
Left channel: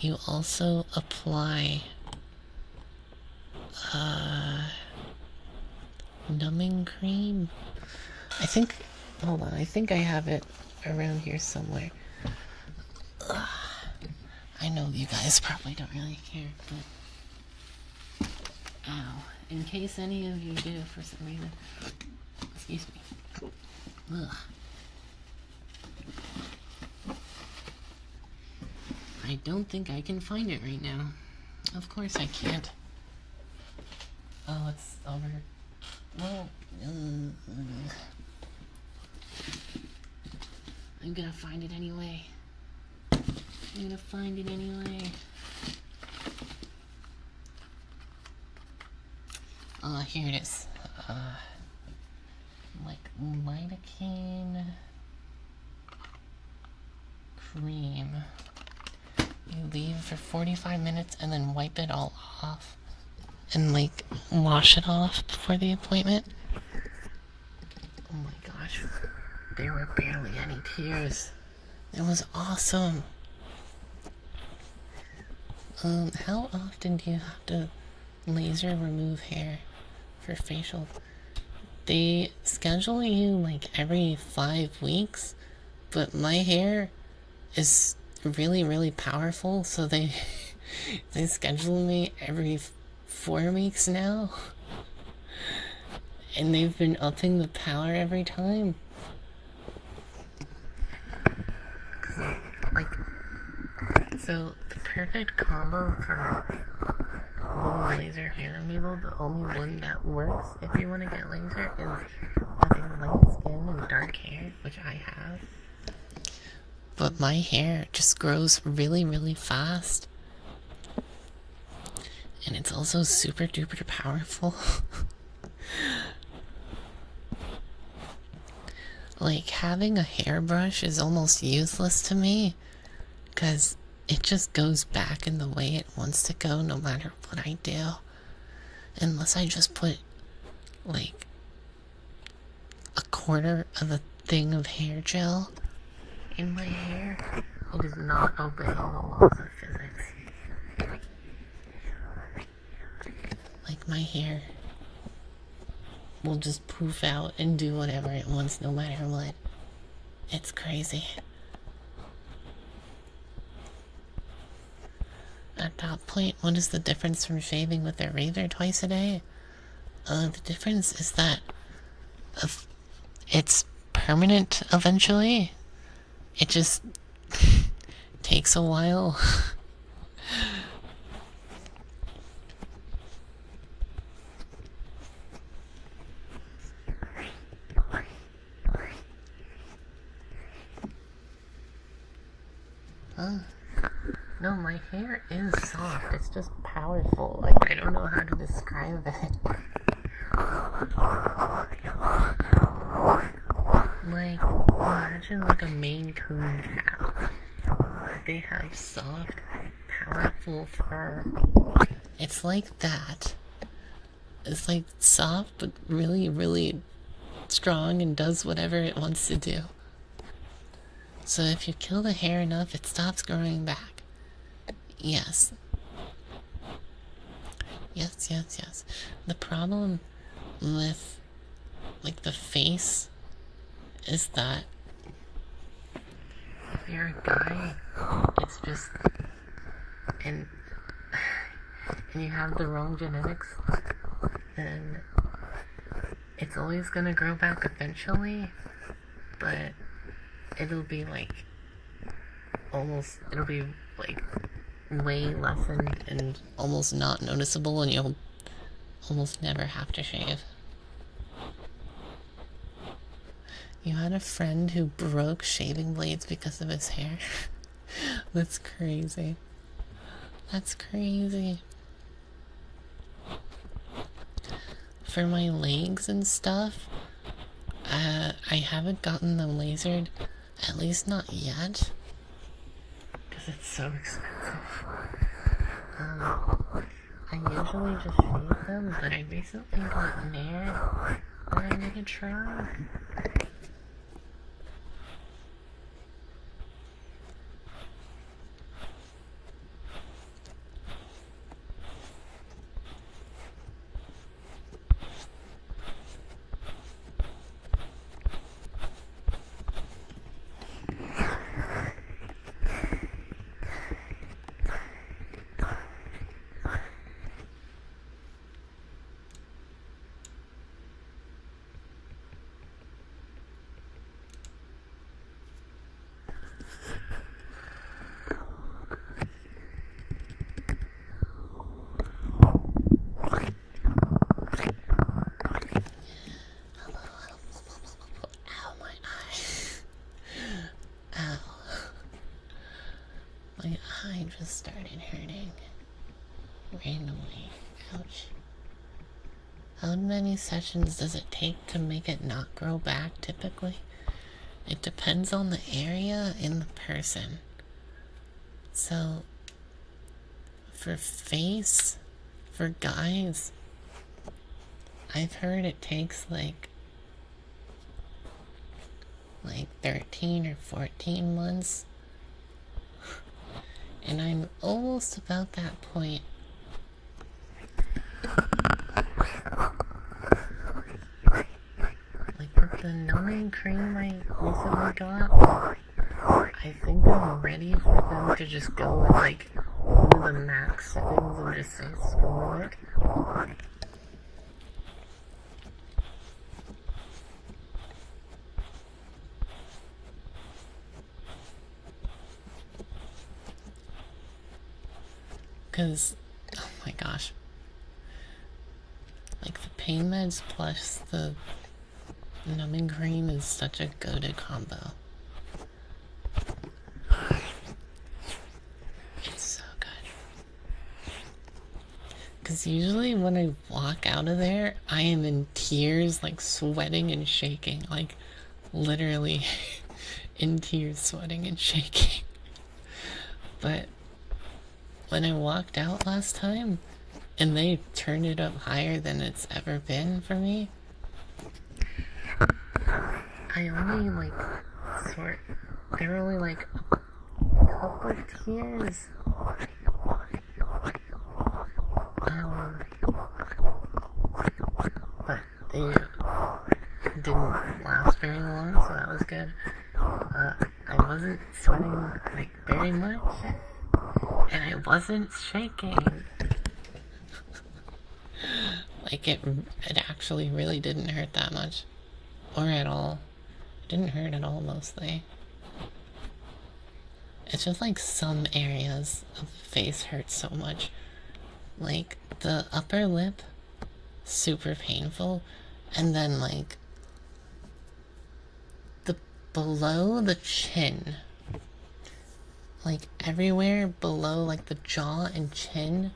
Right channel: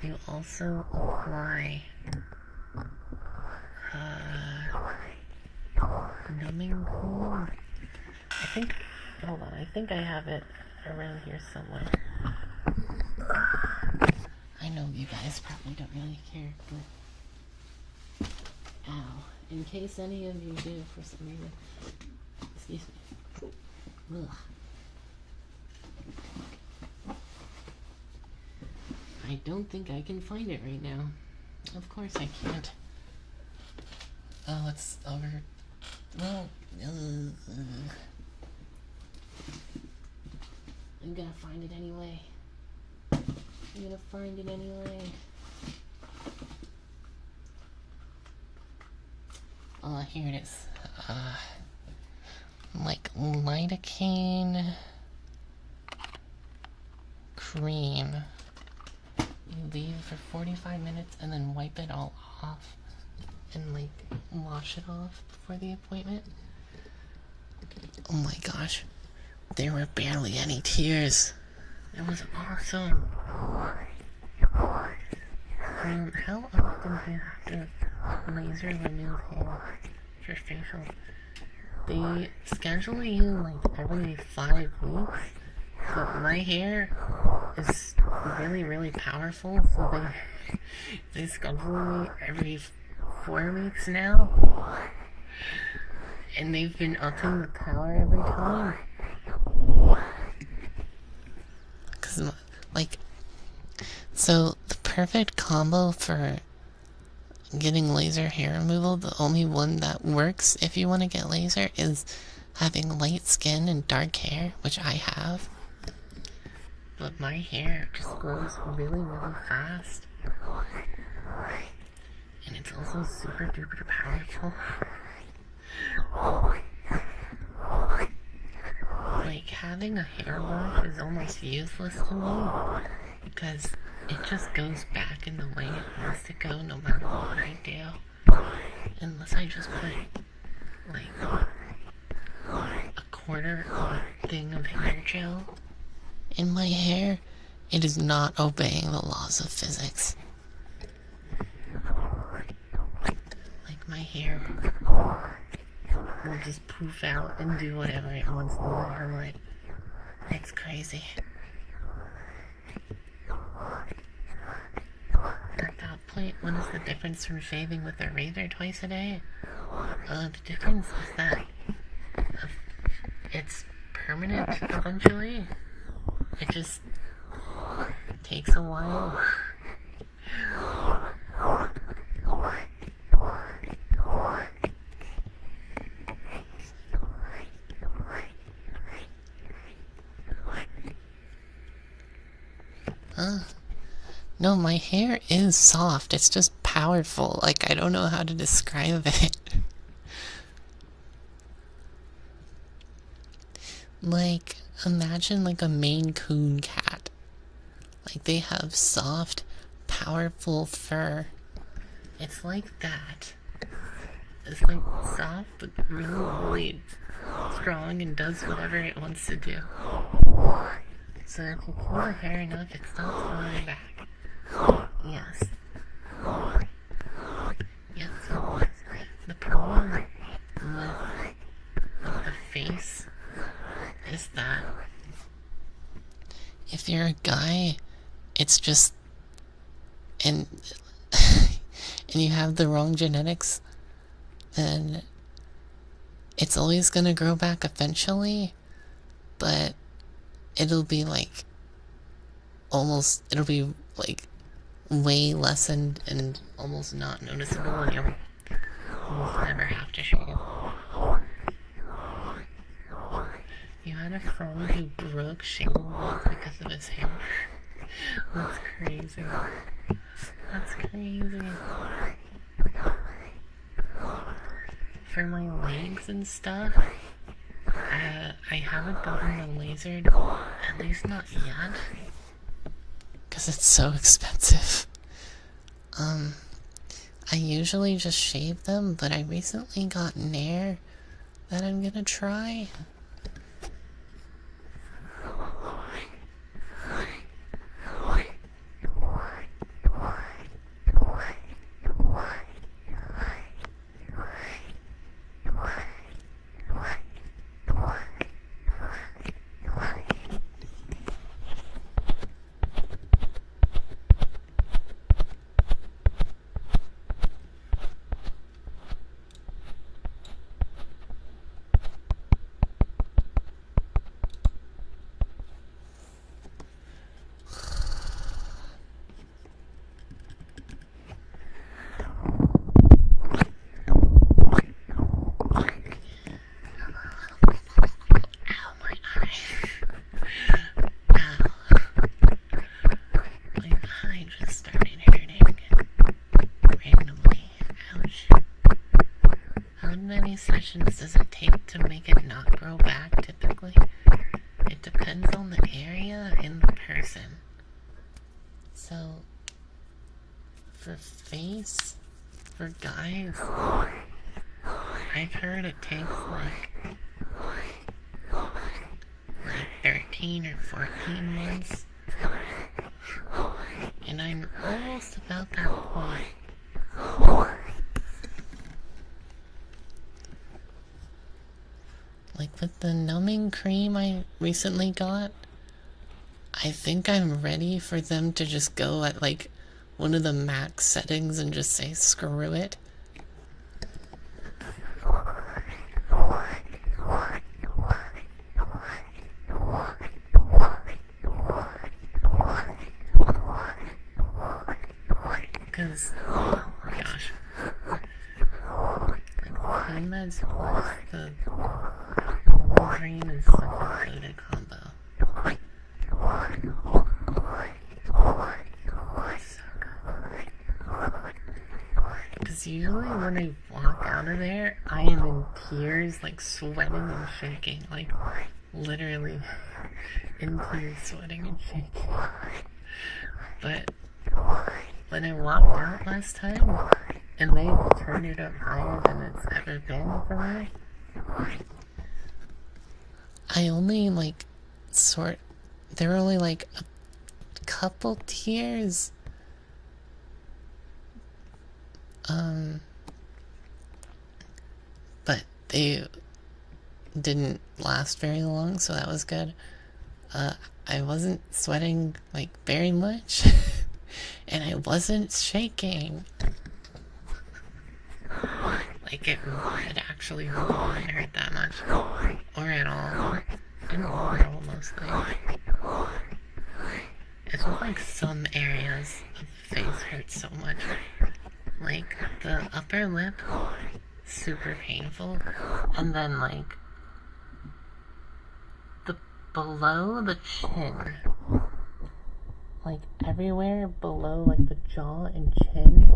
you also apply numbing cream. I think, hold on, I think I have it around here somewhere. I know you guys probably don't really care, but ow. In case any of you do for some reason. Excuse me. Ugh. I don't think I can find it right now. Of course I can't. Oh, it's over. Well, I'm gonna find it anyway. I'm gonna find it anyway. Oh, here it is. Like lidocaine cream. You leave for 45 minutes and then wipe it all off and like wash it off before the appointment. Oh my gosh, there were barely any tears. It was awesome. How often do you have to laser remove hair for facial? They schedule you like every 5 weeks, but my hair is really powerful, so they schedule me every 4 weeks now, and they've been upping the power every time. Cause like, so the perfect combo for getting laser hair removal, the only one that works if you want to get laser, is having light skin and dark hair, which I have. But my hair just grows really fast. And it's also super duper powerful. Like, having a hairbrush is almost useless to me, because it just goes back in the way it wants to go no matter what I do. Unless I just put, like, a quarter of a thing of hair gel in my hair, it is not obeying the laws of physics. Like, my hair will just poof out and do whatever it wants no matter what. It's crazy. At that point, what is the difference from shaving with a razor twice a day? The difference is that it's permanent eventually. It just takes a while. No, my hair is soft. It's just powerful. Like, I don't know how to describe it. Like, imagine like a Maine Coon cat. Like, they have soft, powerful fur. It's like that. It's like soft, but really strong and does whatever it wants to do. So if you kill the hair enough, it stops growing back. Yes. Yes. The problem with, like, the face is that if you're a guy, it's just, and you have the wrong genetics, then it's always gonna grow back eventually, but it'll be like it'll be like way lessened and almost not noticeable, and you'll almost never have to shave. You had a friend who broke shaving blades because of his hair? That's crazy. That's crazy. For my legs and stuff, I haven't gotten them lasered, at least not yet, because it's so expensive. I usually just shave them, but I recently got Nair that I'm gonna try. sessions does it take to make it not grow back typically? It depends on the area and the person. So, for face, for guys, I've heard it takes like 13 or 14 months. And I'm almost about that point. Like with the numbing cream I recently got, I think I'm ready for them to just go at like one of the max settings and just say screw it. Because, oh my gosh, like the pain meds plus the numbing cream is such a goated combo. It's so good. Because usually when I walk out of there, I am in tears, like sweating and shaking, like literally in tears, sweating and shaking. But when I walked out last time, and they turned it up higher than it's ever been for me, I only there were only like a couple tears. But they didn't last very long, so that was good. I wasn't sweating like very much. And I wasn't shaking. Like it actually really didn't hurt that much. Or at all. It didn't hurt at all mostly. It's just like some areas of the face hurt so much. Like the upper lip, super painful. And then like the below the chin. Like everywhere below like the jaw and chin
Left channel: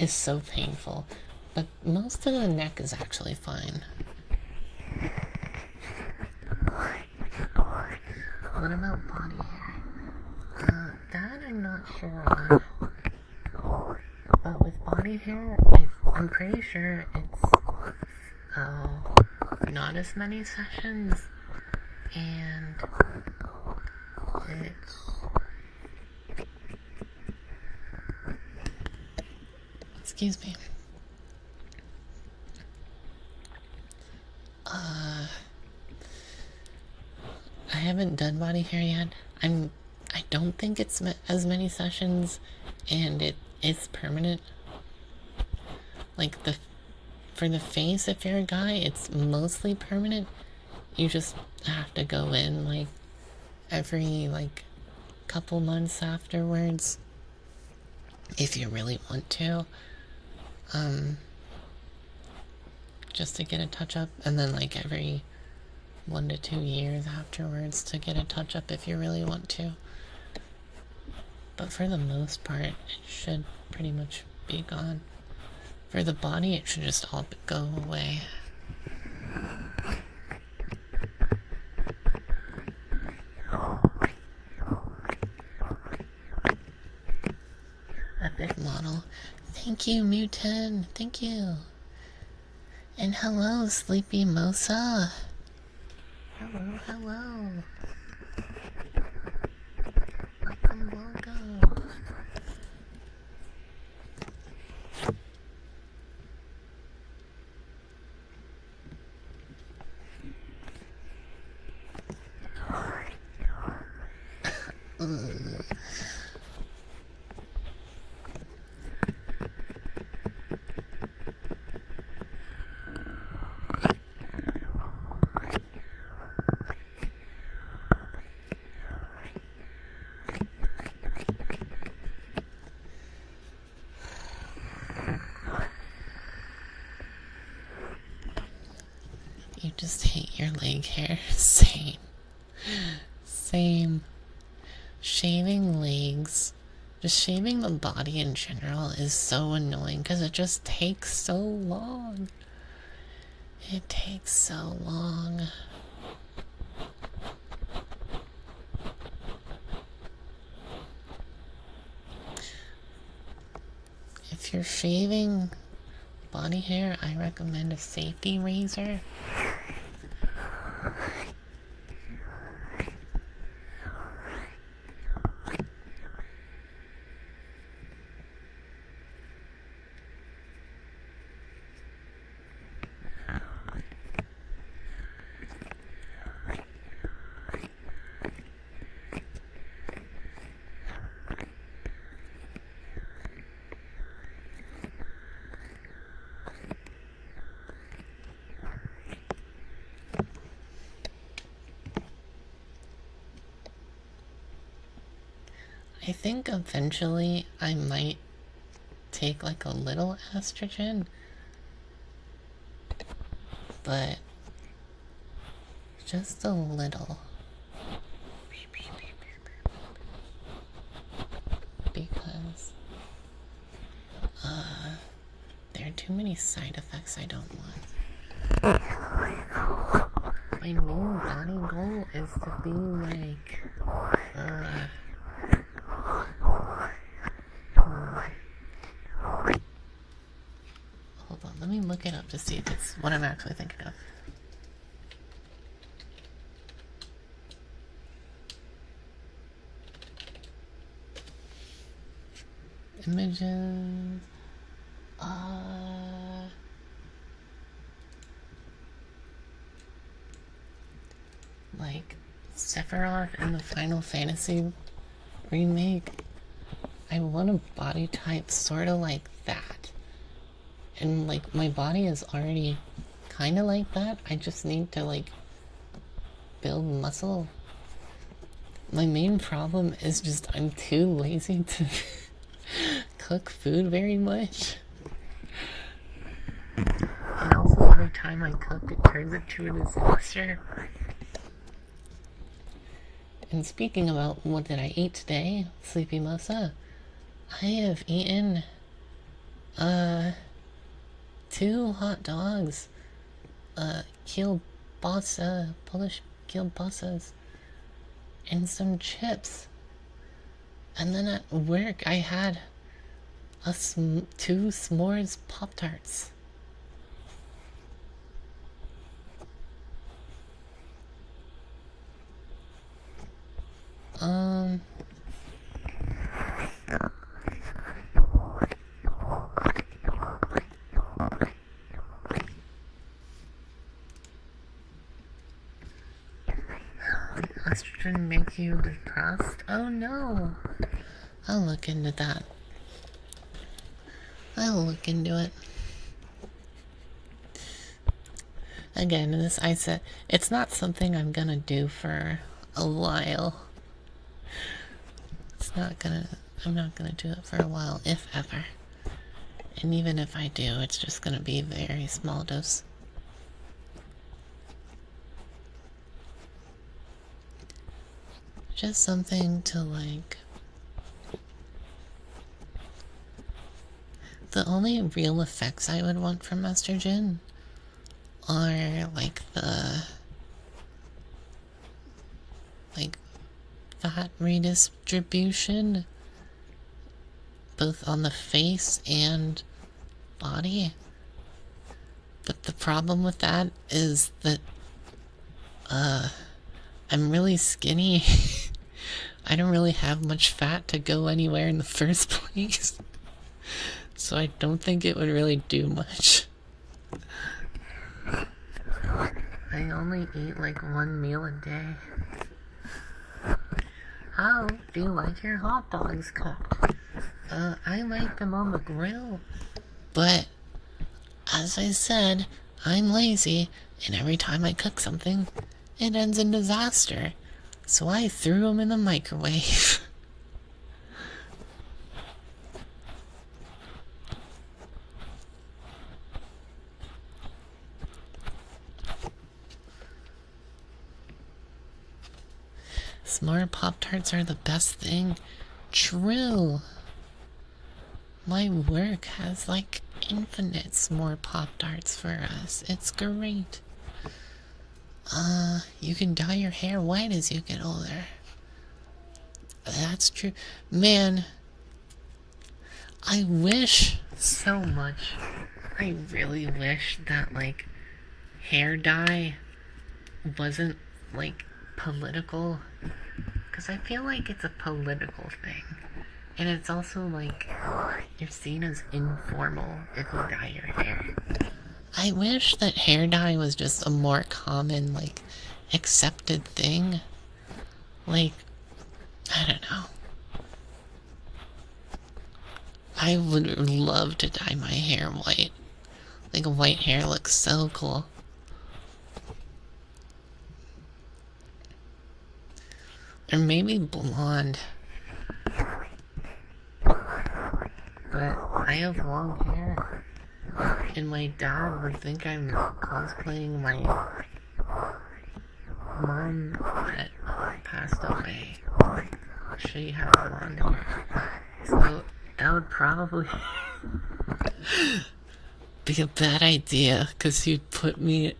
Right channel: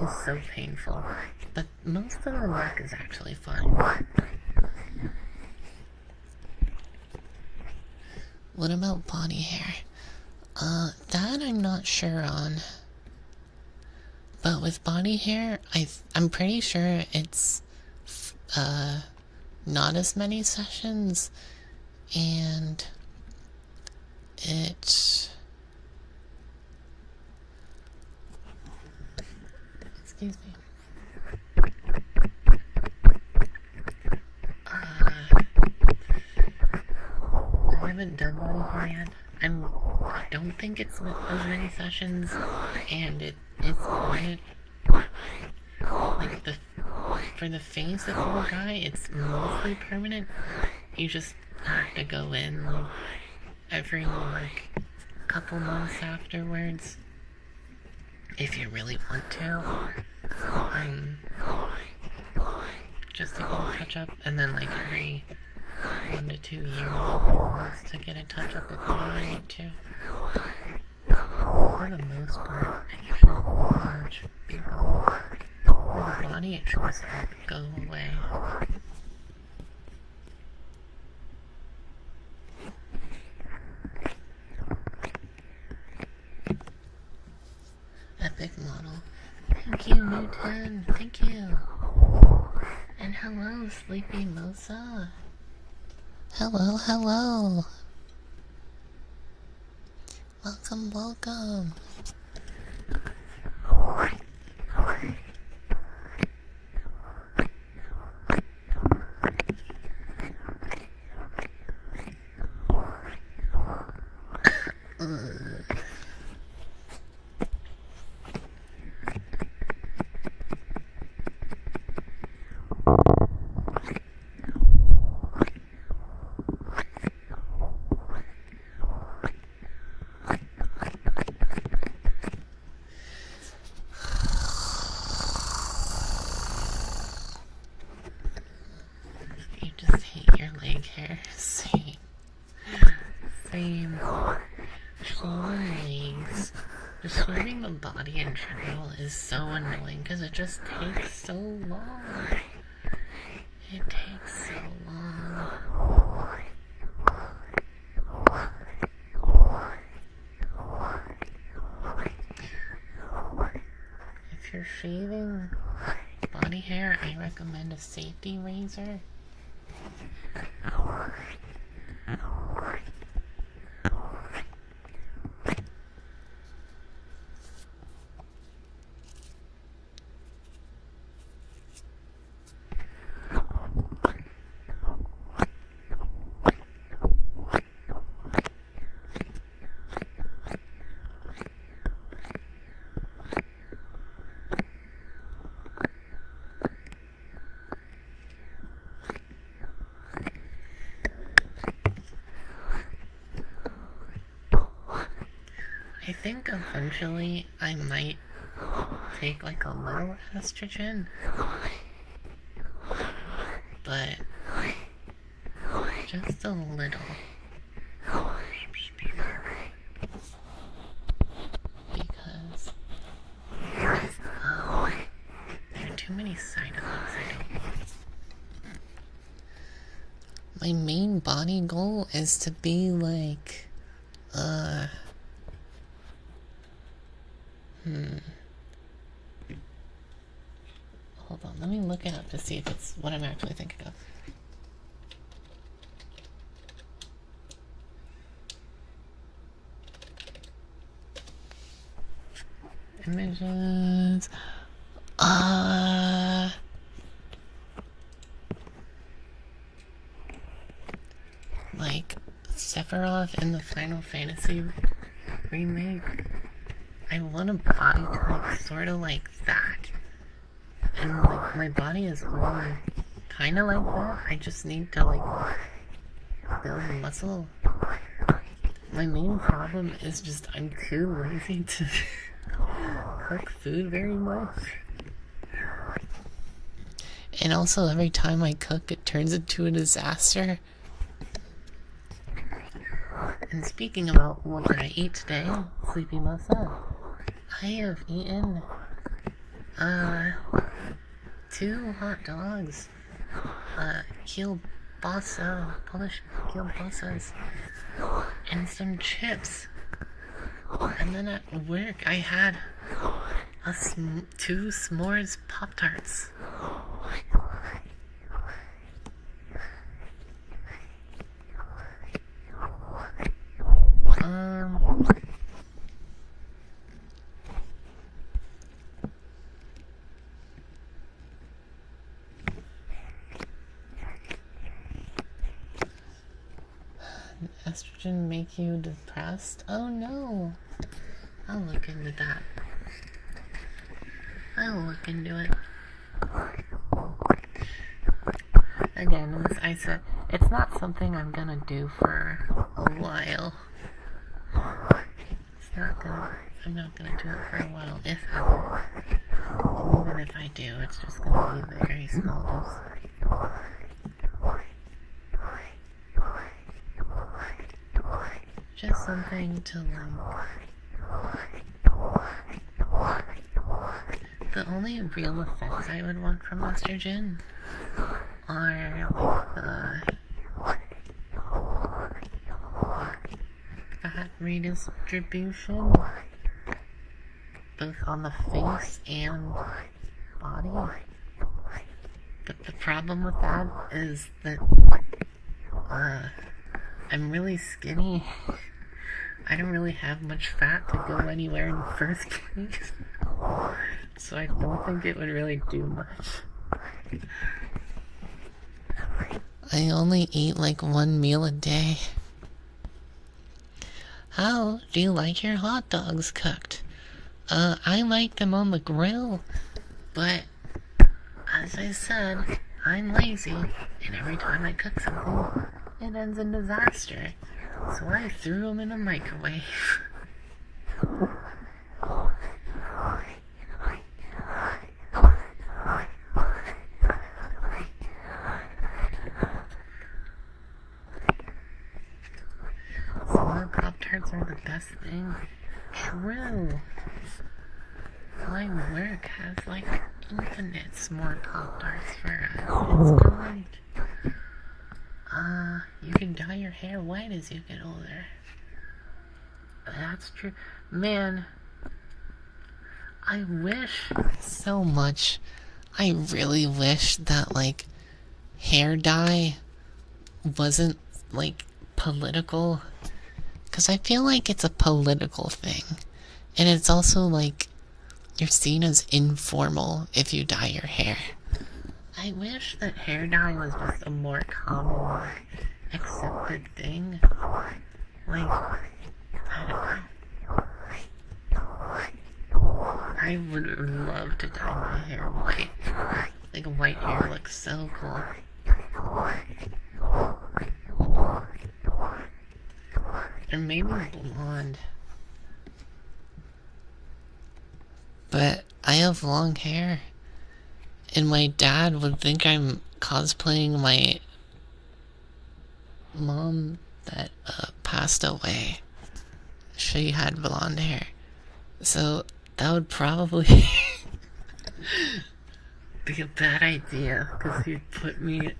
is so painful. But most of the neck is actually fine. What about body hair? That I'm not sure on. But with body hair, I'm pretty sure it's not as many sessions, and it's excuse me. I haven't done body hair yet. I don't think it's as many sessions, and it is permanent. Like for the face, if you're a guy, it's mostly permanent. You just have to go in like every like couple months afterwards, if you really want to. Just to get a touch up, and then like every 1 to 2 years afterwards to get a touch up if you really want to. But for the most part, it should pretty much be gone. For the body, it should just all go away. Epic model. Thank you, Newton. Thank you. And hello, Sleepy Mosa. Hello, hello. Welcome, welcome. You just hate your leg hair. Same. Same. Shaving legs, just shaving the body in general is so annoying because it just takes so long. It takes so long. If you're shaving body hair, I recommend a safety razor. I think eventually I might take like a little estrogen, but just a little. Because there are too many side effects I don't want. My main body goal is to be like, hold on, let me look it up to see if it's what I'm actually thinking of. Images. Like Sephiroth in the Final Fantasy remake. I want a body type sort of like that. And like my body is already kind of like that. I just need to like build muscle. My main problem is just I'm too lazy to cook food very much. And also every time I cook it turns into a disaster. And speaking about what did I eat today, Sleepy Mosa, I have eaten 2 hot dogs, kielbasa, Polish kielbasas, and some chips. And then at work I had 2 s'mores Pop-Tarts. Estrogen make you depressed? Oh no! I'll look into that. I'll look into it. Again, as I said, it's not something I'm gonna do for a while. I'm not gonna do it for a while, if ever. And even if I do, it's just gonna be a very small dose. Just something to like... The only real effects I would want from estrogen are like the fat redistribution, both on the face and body. But the problem with that is that I'm really skinny. I don't really have much fat to go anywhere in the first place. So I don't think it would really do much. I only eat like 1 meal a day. How do you like your hot dogs cooked? I like them on the grill, but as I said, I'm lazy, and every time I cook something, it ends in disaster. So I threw them in the microwave. S'more Pop-Tarts are the best thing. True. My work has like infinite more Pop-Tarts for us. It's great. You can dye your hair white as you get older. That's true. Man, I wish so much. I really wish that, like, hair dye wasn't, like, political. Because I feel like it's a political thing. And it's also, like, you're seen as informal if you dye your hair. I wish that hair dye was just a more common, like, accepted thing. Like, I don't know. I would love to dye my hair white. Like, white hair looks so cool. Or maybe blonde. But I have long hair. And my dad would think I'm cosplaying my mom that passed away. She had blonde hair. So that would probably be a bad idea, because he'd put me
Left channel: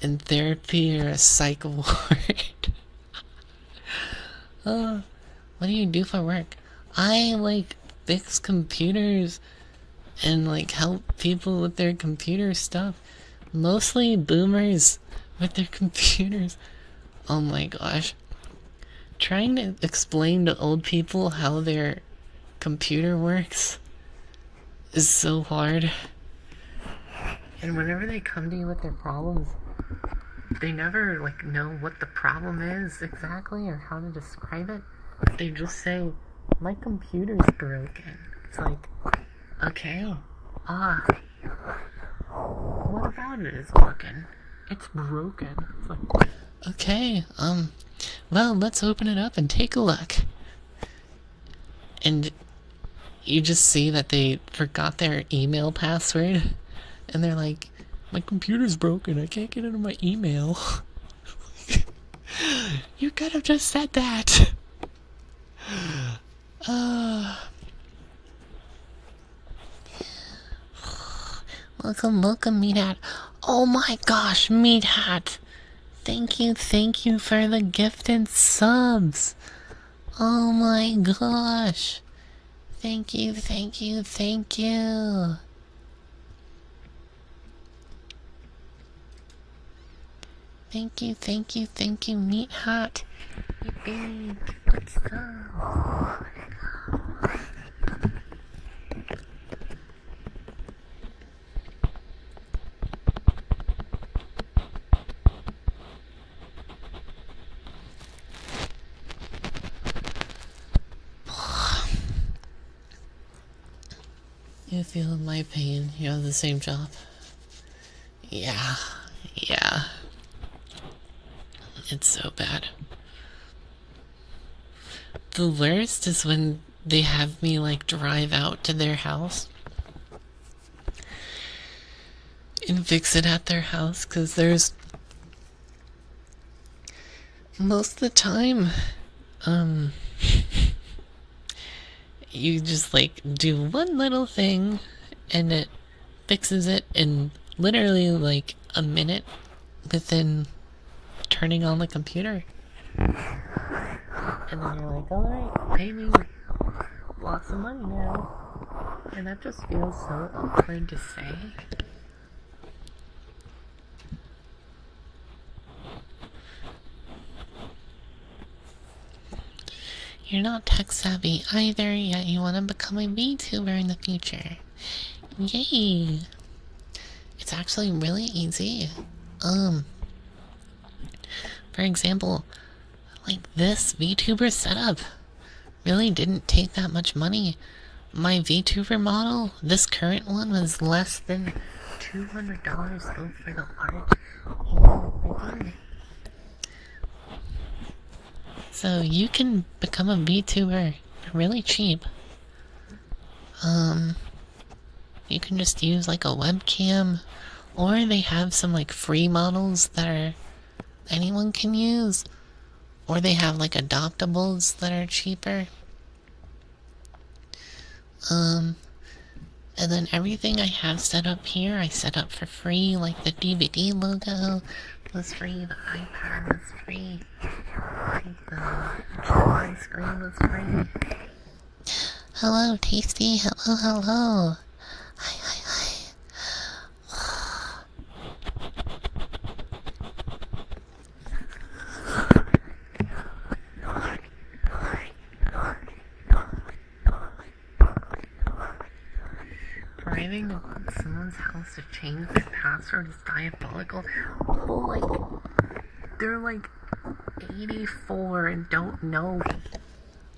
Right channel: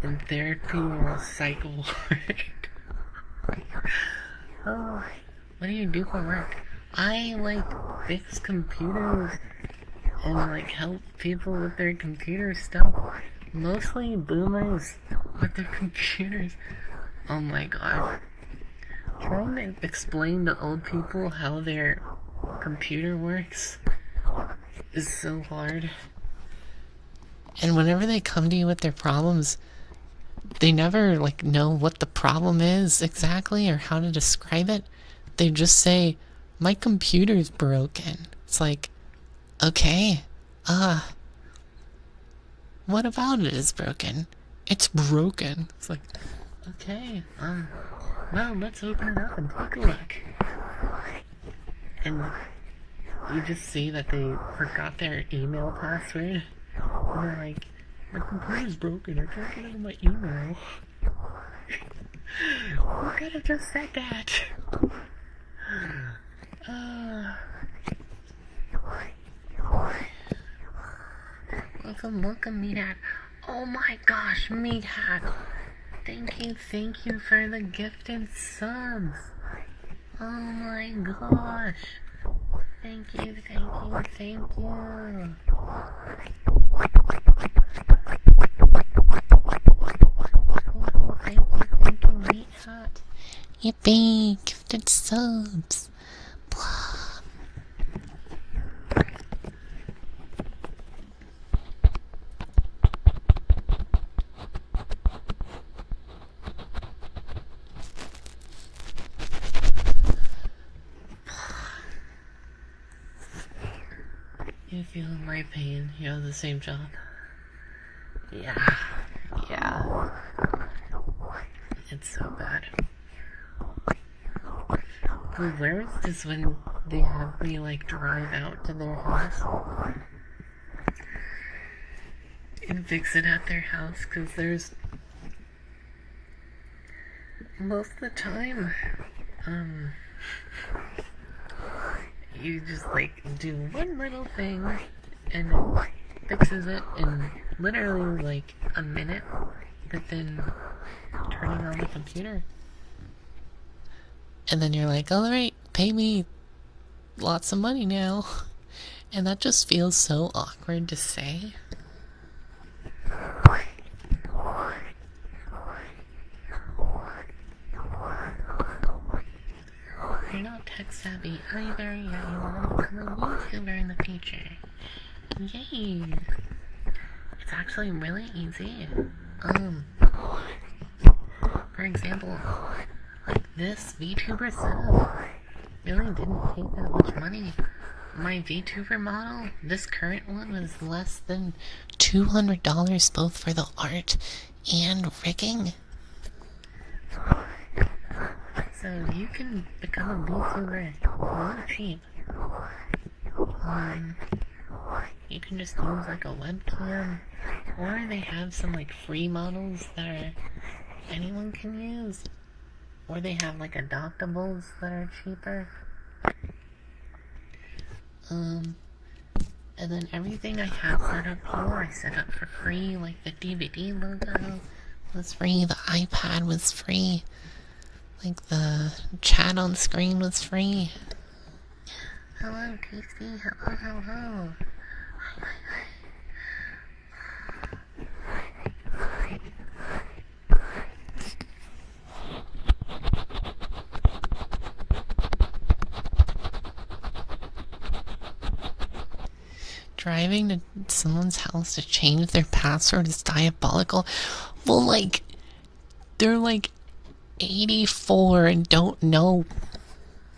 in therapy or a psych ward. Oh, what do you do for work? I, like, fix computers and, like, help people with their computer stuff. Mostly boomers with their computers. Oh my gosh. Trying to explain to old people how their computer works is so hard. And whenever they come to you with their problems, they never, like, know what the problem is exactly or how to describe it. They just say, my computer's broken. It's like, okay, what about it is broken? It's broken. It's like, okay, well, let's open it up and take a look. And you just see that they forgot their email password, and they're like, my computer's broken, I can't get into my email. You could have just said that. Welcome, Meat Hat. Oh my gosh, Meat Hat. Thank you for the gifted subs. Oh my gosh. Thank you. Thank you, Meat Hat. Yippee, gifted subs. You feel my pain. You have the same job. Yeah. It's so bad. The worst is when they have me, like, drive out to their house and fix it at their house, because there's most of the time, you just, like, do one little thing and it fixes it in literally, like, a minute within turning on the computer. And then you're like, alright, pay me lots of money now. And that just feels so awkward to say. You're not tech savvy either, yet you want to become a VTuber in the future. Yay! It's actually really easy. For example, like, this VTuber setup really didn't take that much money. My VTuber model, this current one, was less than $200 both for the art and rigging. So you can become a VTuber really cheap. You can just use, like, a webcam, or they have some, like, free models that anyone can use, or they have, like, adoptables that are cheaper. And then everything I have set up here, I set up for free, like the DVD logo was free, the iPad was free, like the chat on screen was free. Hello, Tasty. Hello, hello. Hi, hi, hi. Driving to someone's house to change their password is diabolical. Well, like, they're like 84 and don't know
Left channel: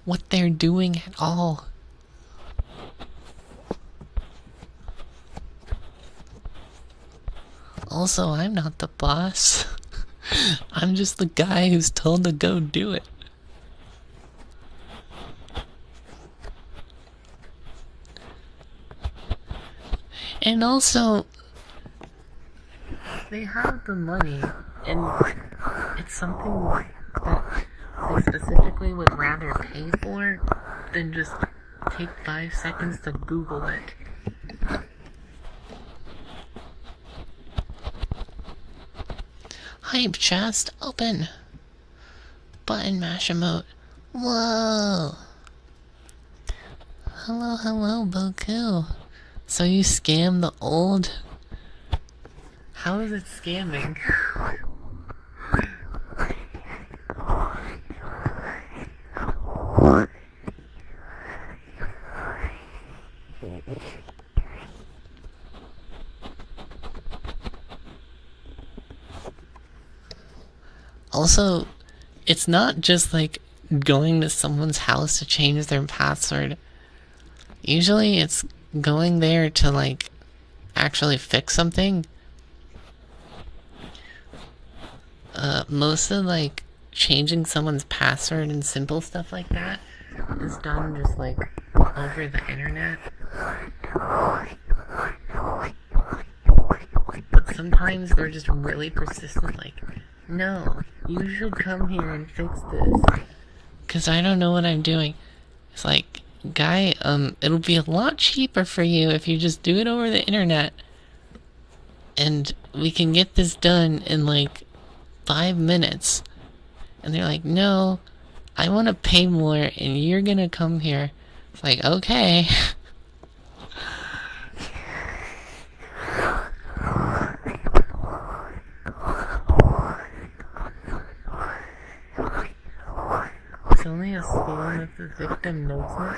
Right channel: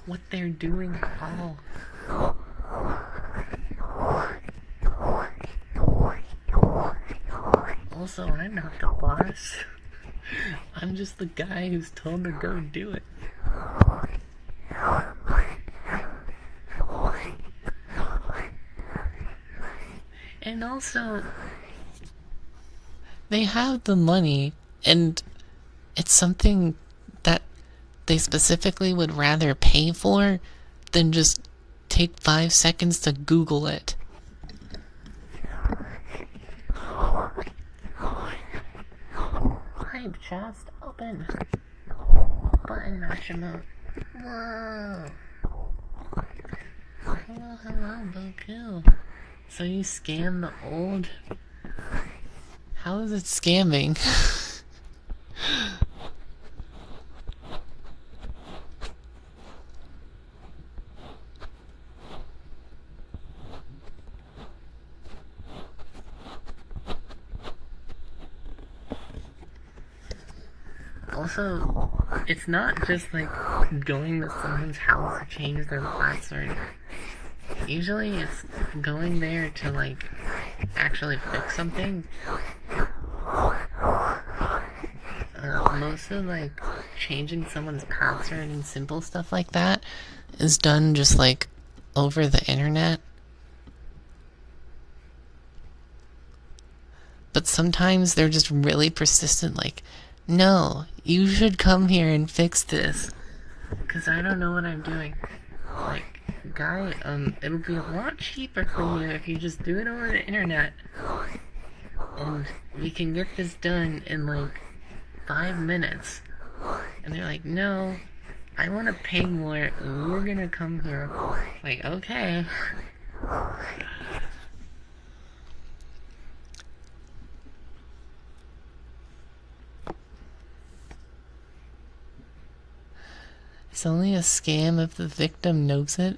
what they're doing at all. Also, I'm not the boss. I'm just the guy who's told to go do it. And also, they have the money, and it's something that they specifically would rather pay for than just take 5 seconds to Google it. Hype chest open. Button mash emote. Whoa. Hello, hello, Boku. So you scam the old? How is it scamming? Also, it's not just like going to someone's house to change their password. Usually it's going there to like actually fix something. Most of like changing someone's password and simple stuff like that is done just like over the internet. But sometimes they're just really persistent, like, no, you should come here and fix this, because I don't know what I'm doing. It's like, guy, it'll be a lot cheaper for you if you just do it over the internet, and we can get this done in like 5 minutes. And they're like, no, I want to pay more and you're gonna come here. It's like, okay. It's only a scam if the victim knows it.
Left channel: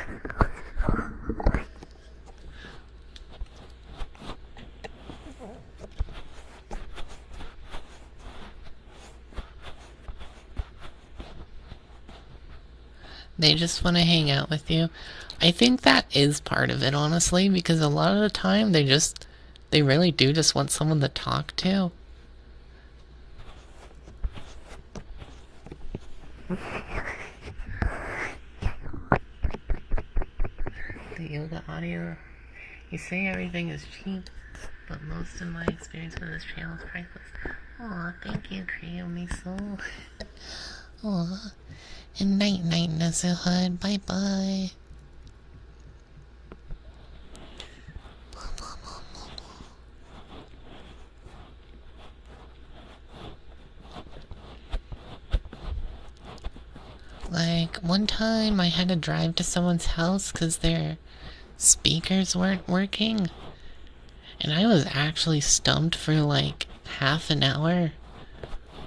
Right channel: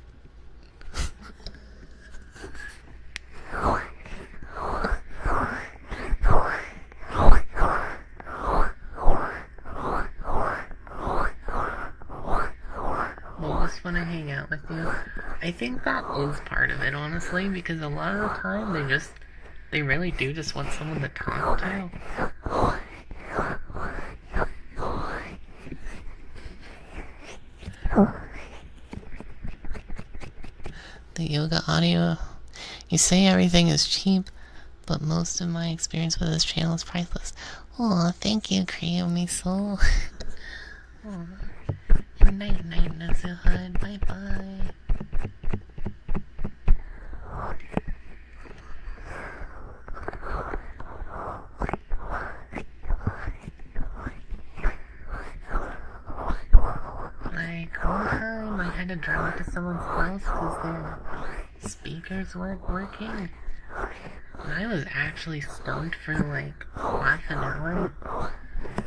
They just want to hang out with you. I think that is part of it, honestly, because a lot of the time they really do just want someone to talk to. The yoga audio. You say everything is cheap, but most of my experience with this channel is priceless. Aw, thank you, Creamy Soul. Aw. And night night, Nazuhud. Bye bye. Like, one time I had to drive to someone's house because their speakers weren't working. And I was actually stumped for like half an hour.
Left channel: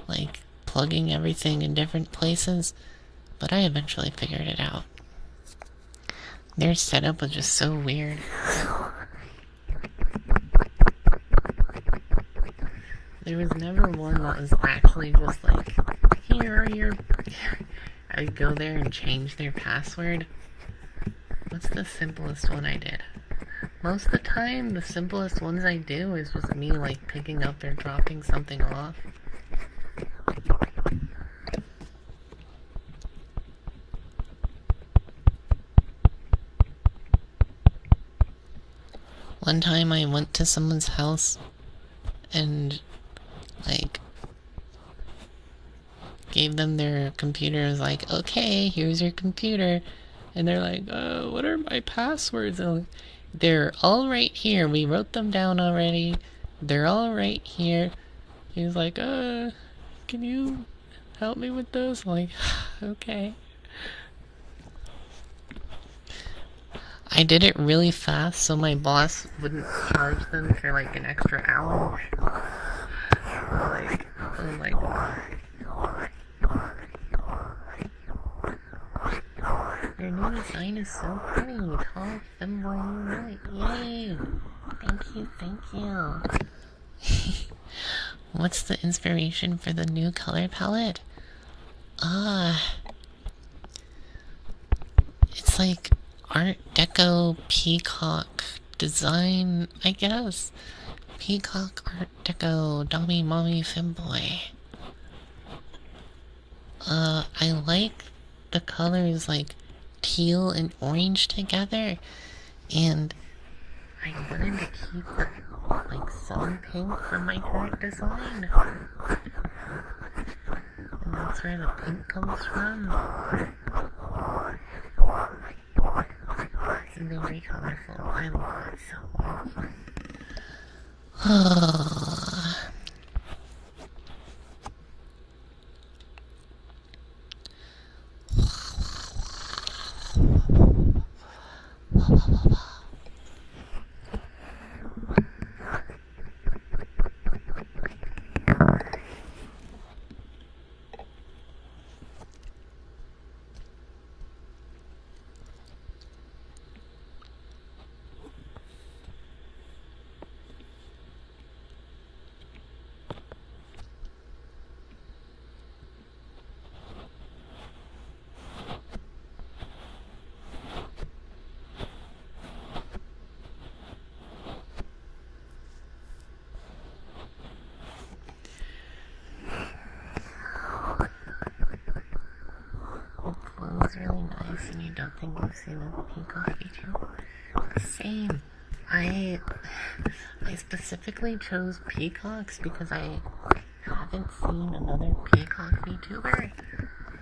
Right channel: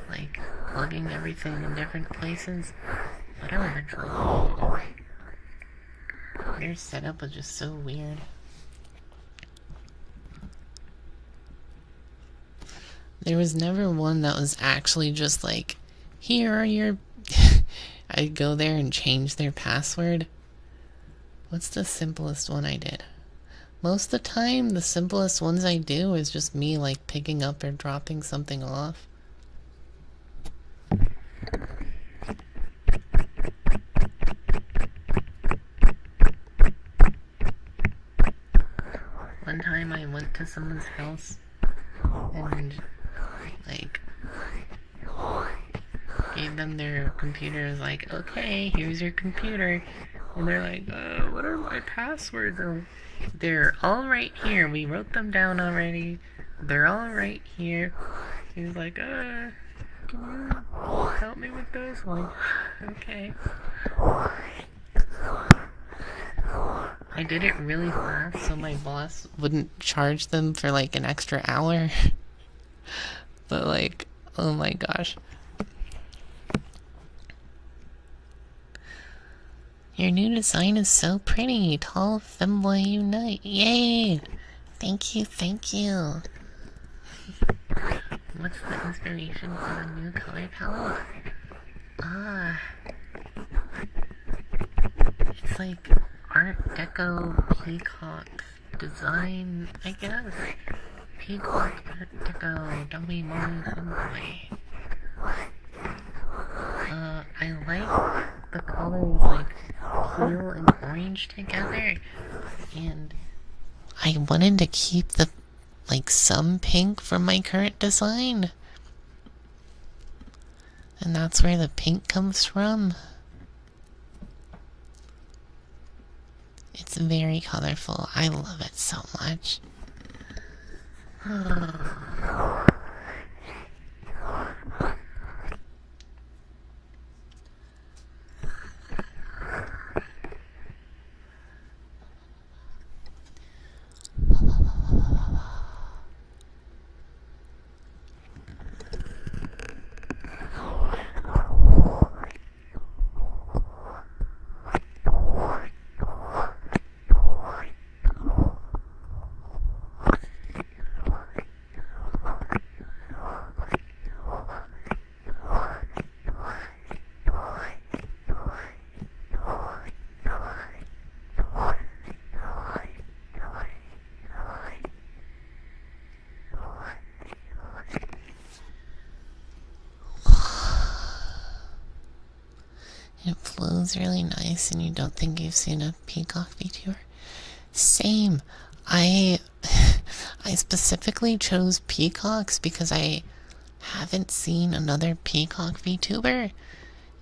Like, plugging everything in different places. But I eventually figured it out. Their setup was just so weird. There was never one that was actually just like, here are your... I'd go there and change their password. What's the simplest one I did? Most of the time, the simplest ones I do is just me like picking up or dropping something off. One time I went to someone's house and like gave them their computer. I was like, okay, here's your computer. And they're like, what are my passwords? And They're all right here. We wrote them down already. They're all right here. He's like, can you help me with this? I'm like, okay. I did it really fast so my boss wouldn't charge them for like an extra hour. But like, oh my gosh. Your new design is so pretty. Tall femboy unite. Yay! Thank you, thank you. What's the inspiration for the new color palette? It's like Art Deco peacock design, I guess. Peacock Art Deco Dobby Mommy Femboy. I like the colors like teal and orange together, and I wanted to keep the like some pink from my current design, and that's where the pink comes from. It's very colorful. I love it so much. It flows really nice and you don't think you've seen a peacock VTuber? Same. I specifically chose peacocks because I haven't seen another peacock VTuber,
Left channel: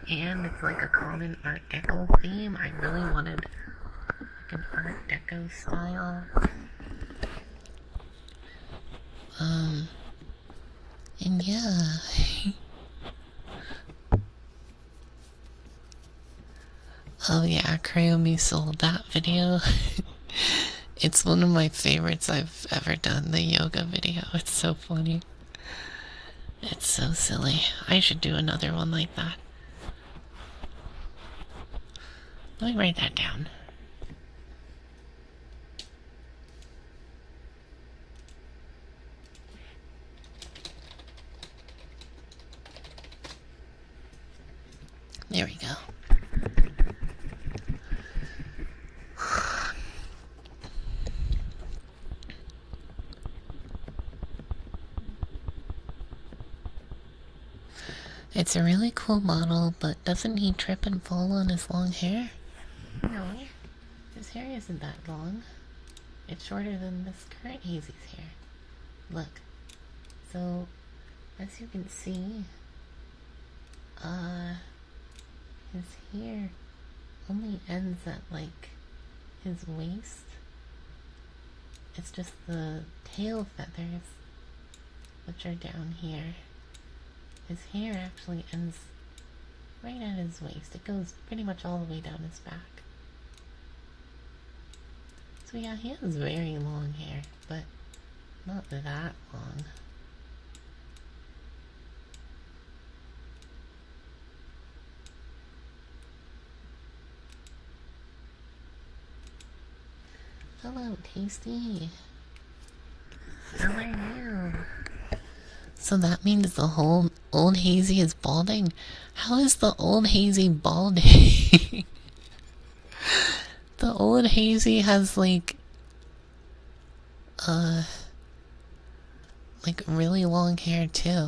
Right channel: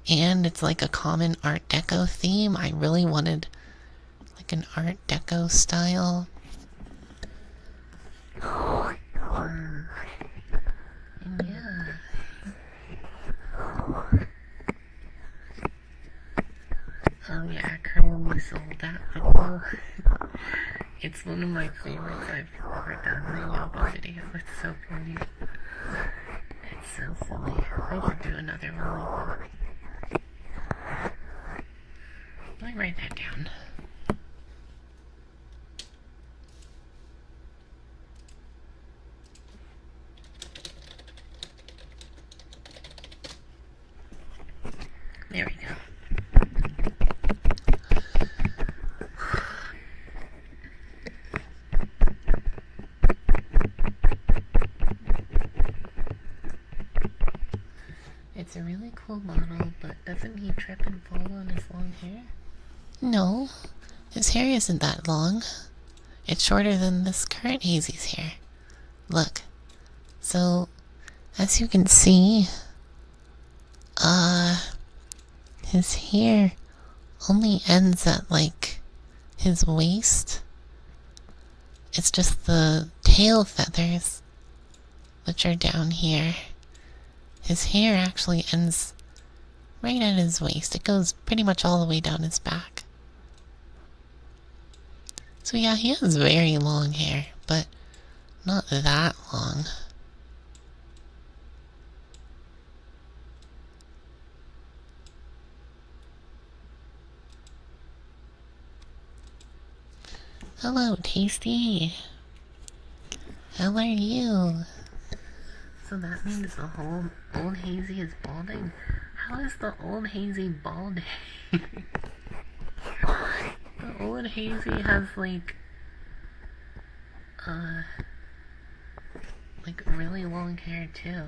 and it's like a common Art Deco theme. I really wanted like an Art Deco style. And yeah. Oh yeah, Crayomi sold that video. It's one of my favorites I've ever done, the yoga video. It's so funny. It's so silly. I should do another one like that. Let me write that down. There we go. It's a really cool model, but doesn't he trip and fall on his long hair? No, his hair isn't that long. It's shorter than this current Hazy's hair. Look. So, as you can see, his hair only ends at like his waist. It's just the tail feathers, which are down here. His hair actually ends right at his waist. It goes pretty much all the way down his back. So yeah, he has very long hair, but not that long. Hello, Tasty. How are you? So that means the whole old Hazy is balding? How is the old Hazy balding? The old Hazy has like really long hair too.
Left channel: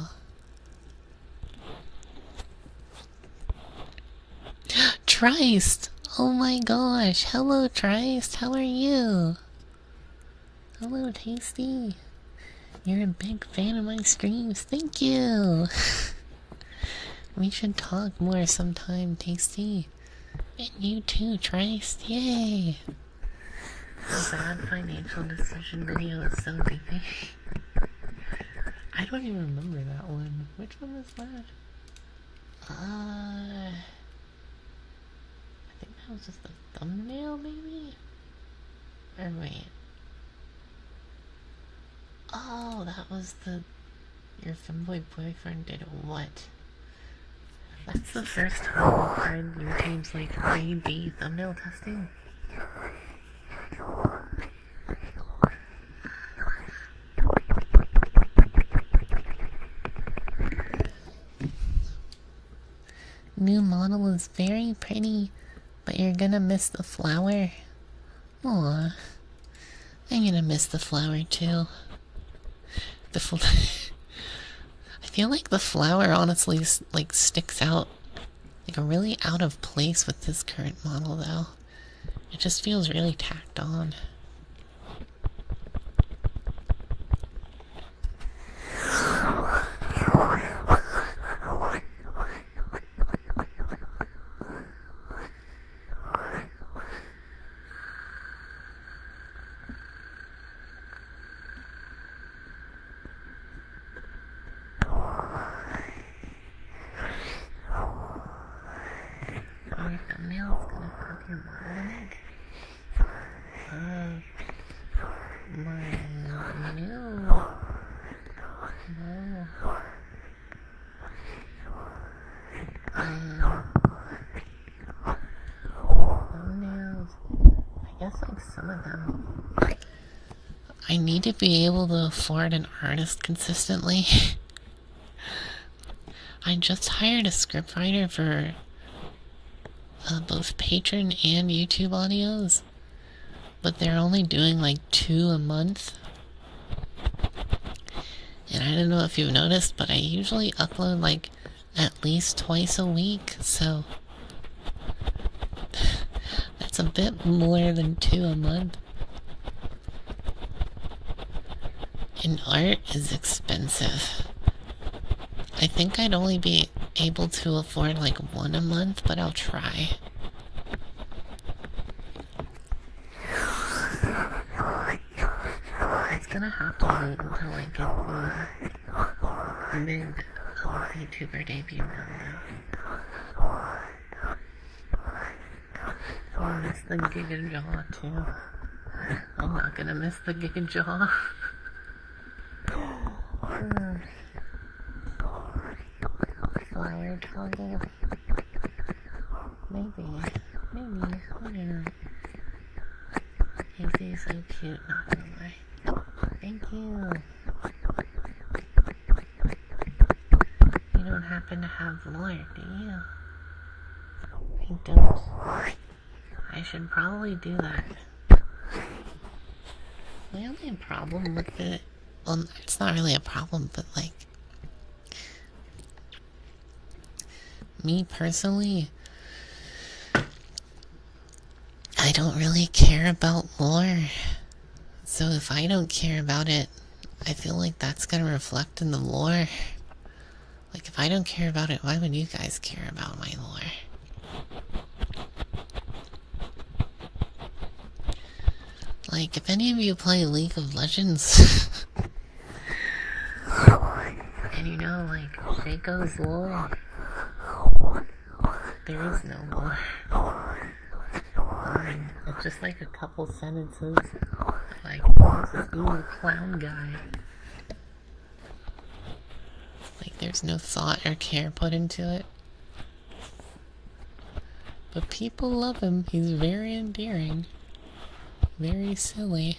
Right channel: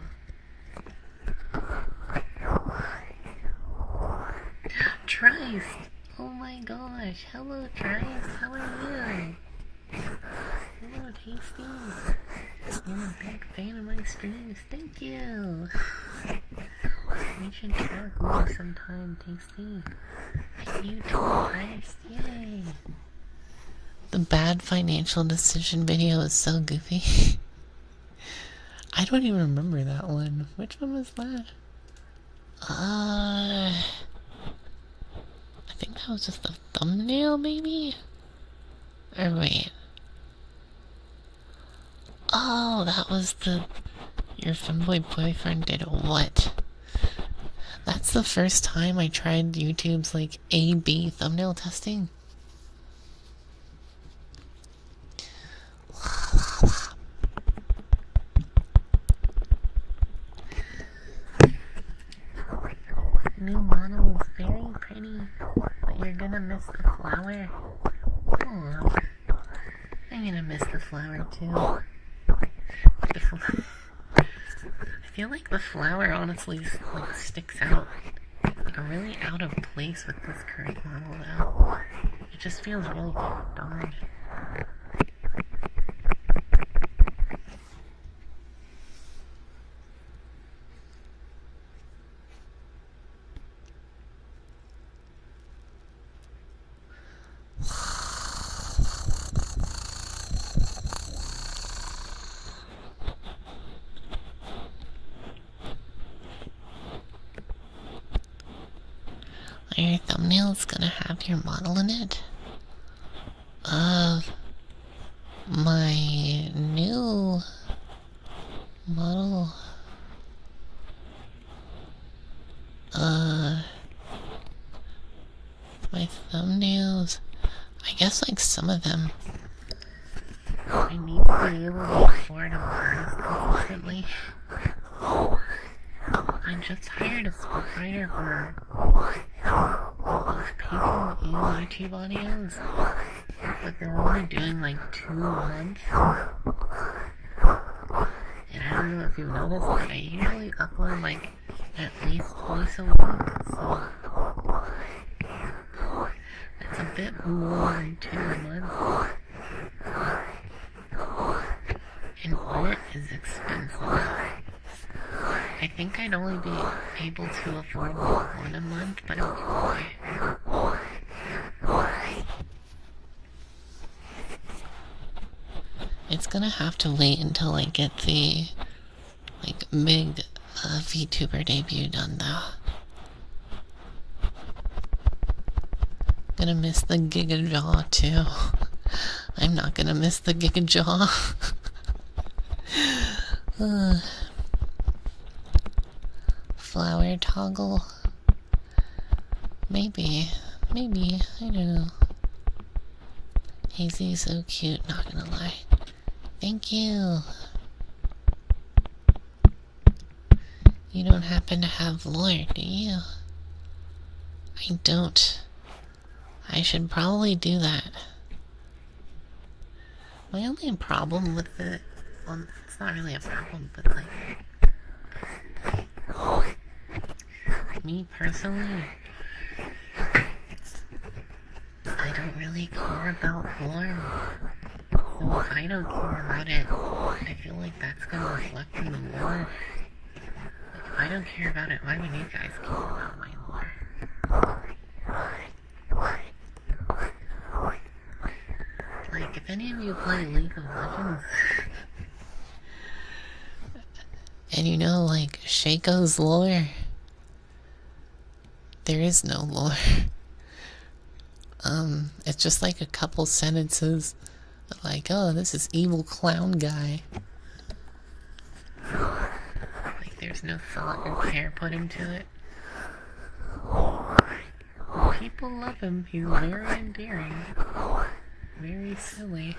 Triced! Oh my gosh, hello Triced, how are you? Hello Tasty. You're a big fan of my streams, thank you! We should talk more sometime, Tasty. And you too, Triced, yay! The bad financial decision video is so goofy. I don't even remember that one. Which one was that? I think that was just a thumbnail, maybe? Or wait. Oh, that was the... Your femboy boyfriend did what? That's the first time I tried YouTube's, like, A/B thumbnail testing. New model is very pretty, but you're gonna miss the flower. Aww. I'm gonna miss the flower too. I feel like the flower honestly like sticks out like really out of place with this current model though. It just feels really tacked on. Are your thumbnails gonna have your model in it? Of my new model. My thumbnails. I guess like some of them. I need to be able to afford an artist consistently. I just hired a scriptwriter for both Patreon and YouTube audios, but they're only doing like 2 a month. And I don't know if you've noticed, but I usually upload like at least twice a week, so that's a bit more than 2 a month. And art is expensive. I think I'd only be able to afford like 1 a month, but I'll try. It's gonna have to wait until I get the like big VTuber debut done though. Gonna miss the Giga Jaw too. I'm not gonna miss the Giga Jaw. Flower toggle. Maybe, I don't know. Hazy's so cute, not gonna lie. Thank you. You don't happen to have lore, do you? I don't. I should probably do that. My only problem with it... Well, it's not really a problem, but like... Me personally... I don't really care about lore. So if I don't care about it, I feel like that's gonna reflect in the lore. Like, if I don't care about it, why would you guys care about my lore? Like, if any of you play League of Legends, and you know, like, Shaco's lore, there is no lore. It's just like a couple sentences, like, oh, this is evil clown guy. Like, there's no thought or care put into it. But people love him. He's very endearing. Very silly.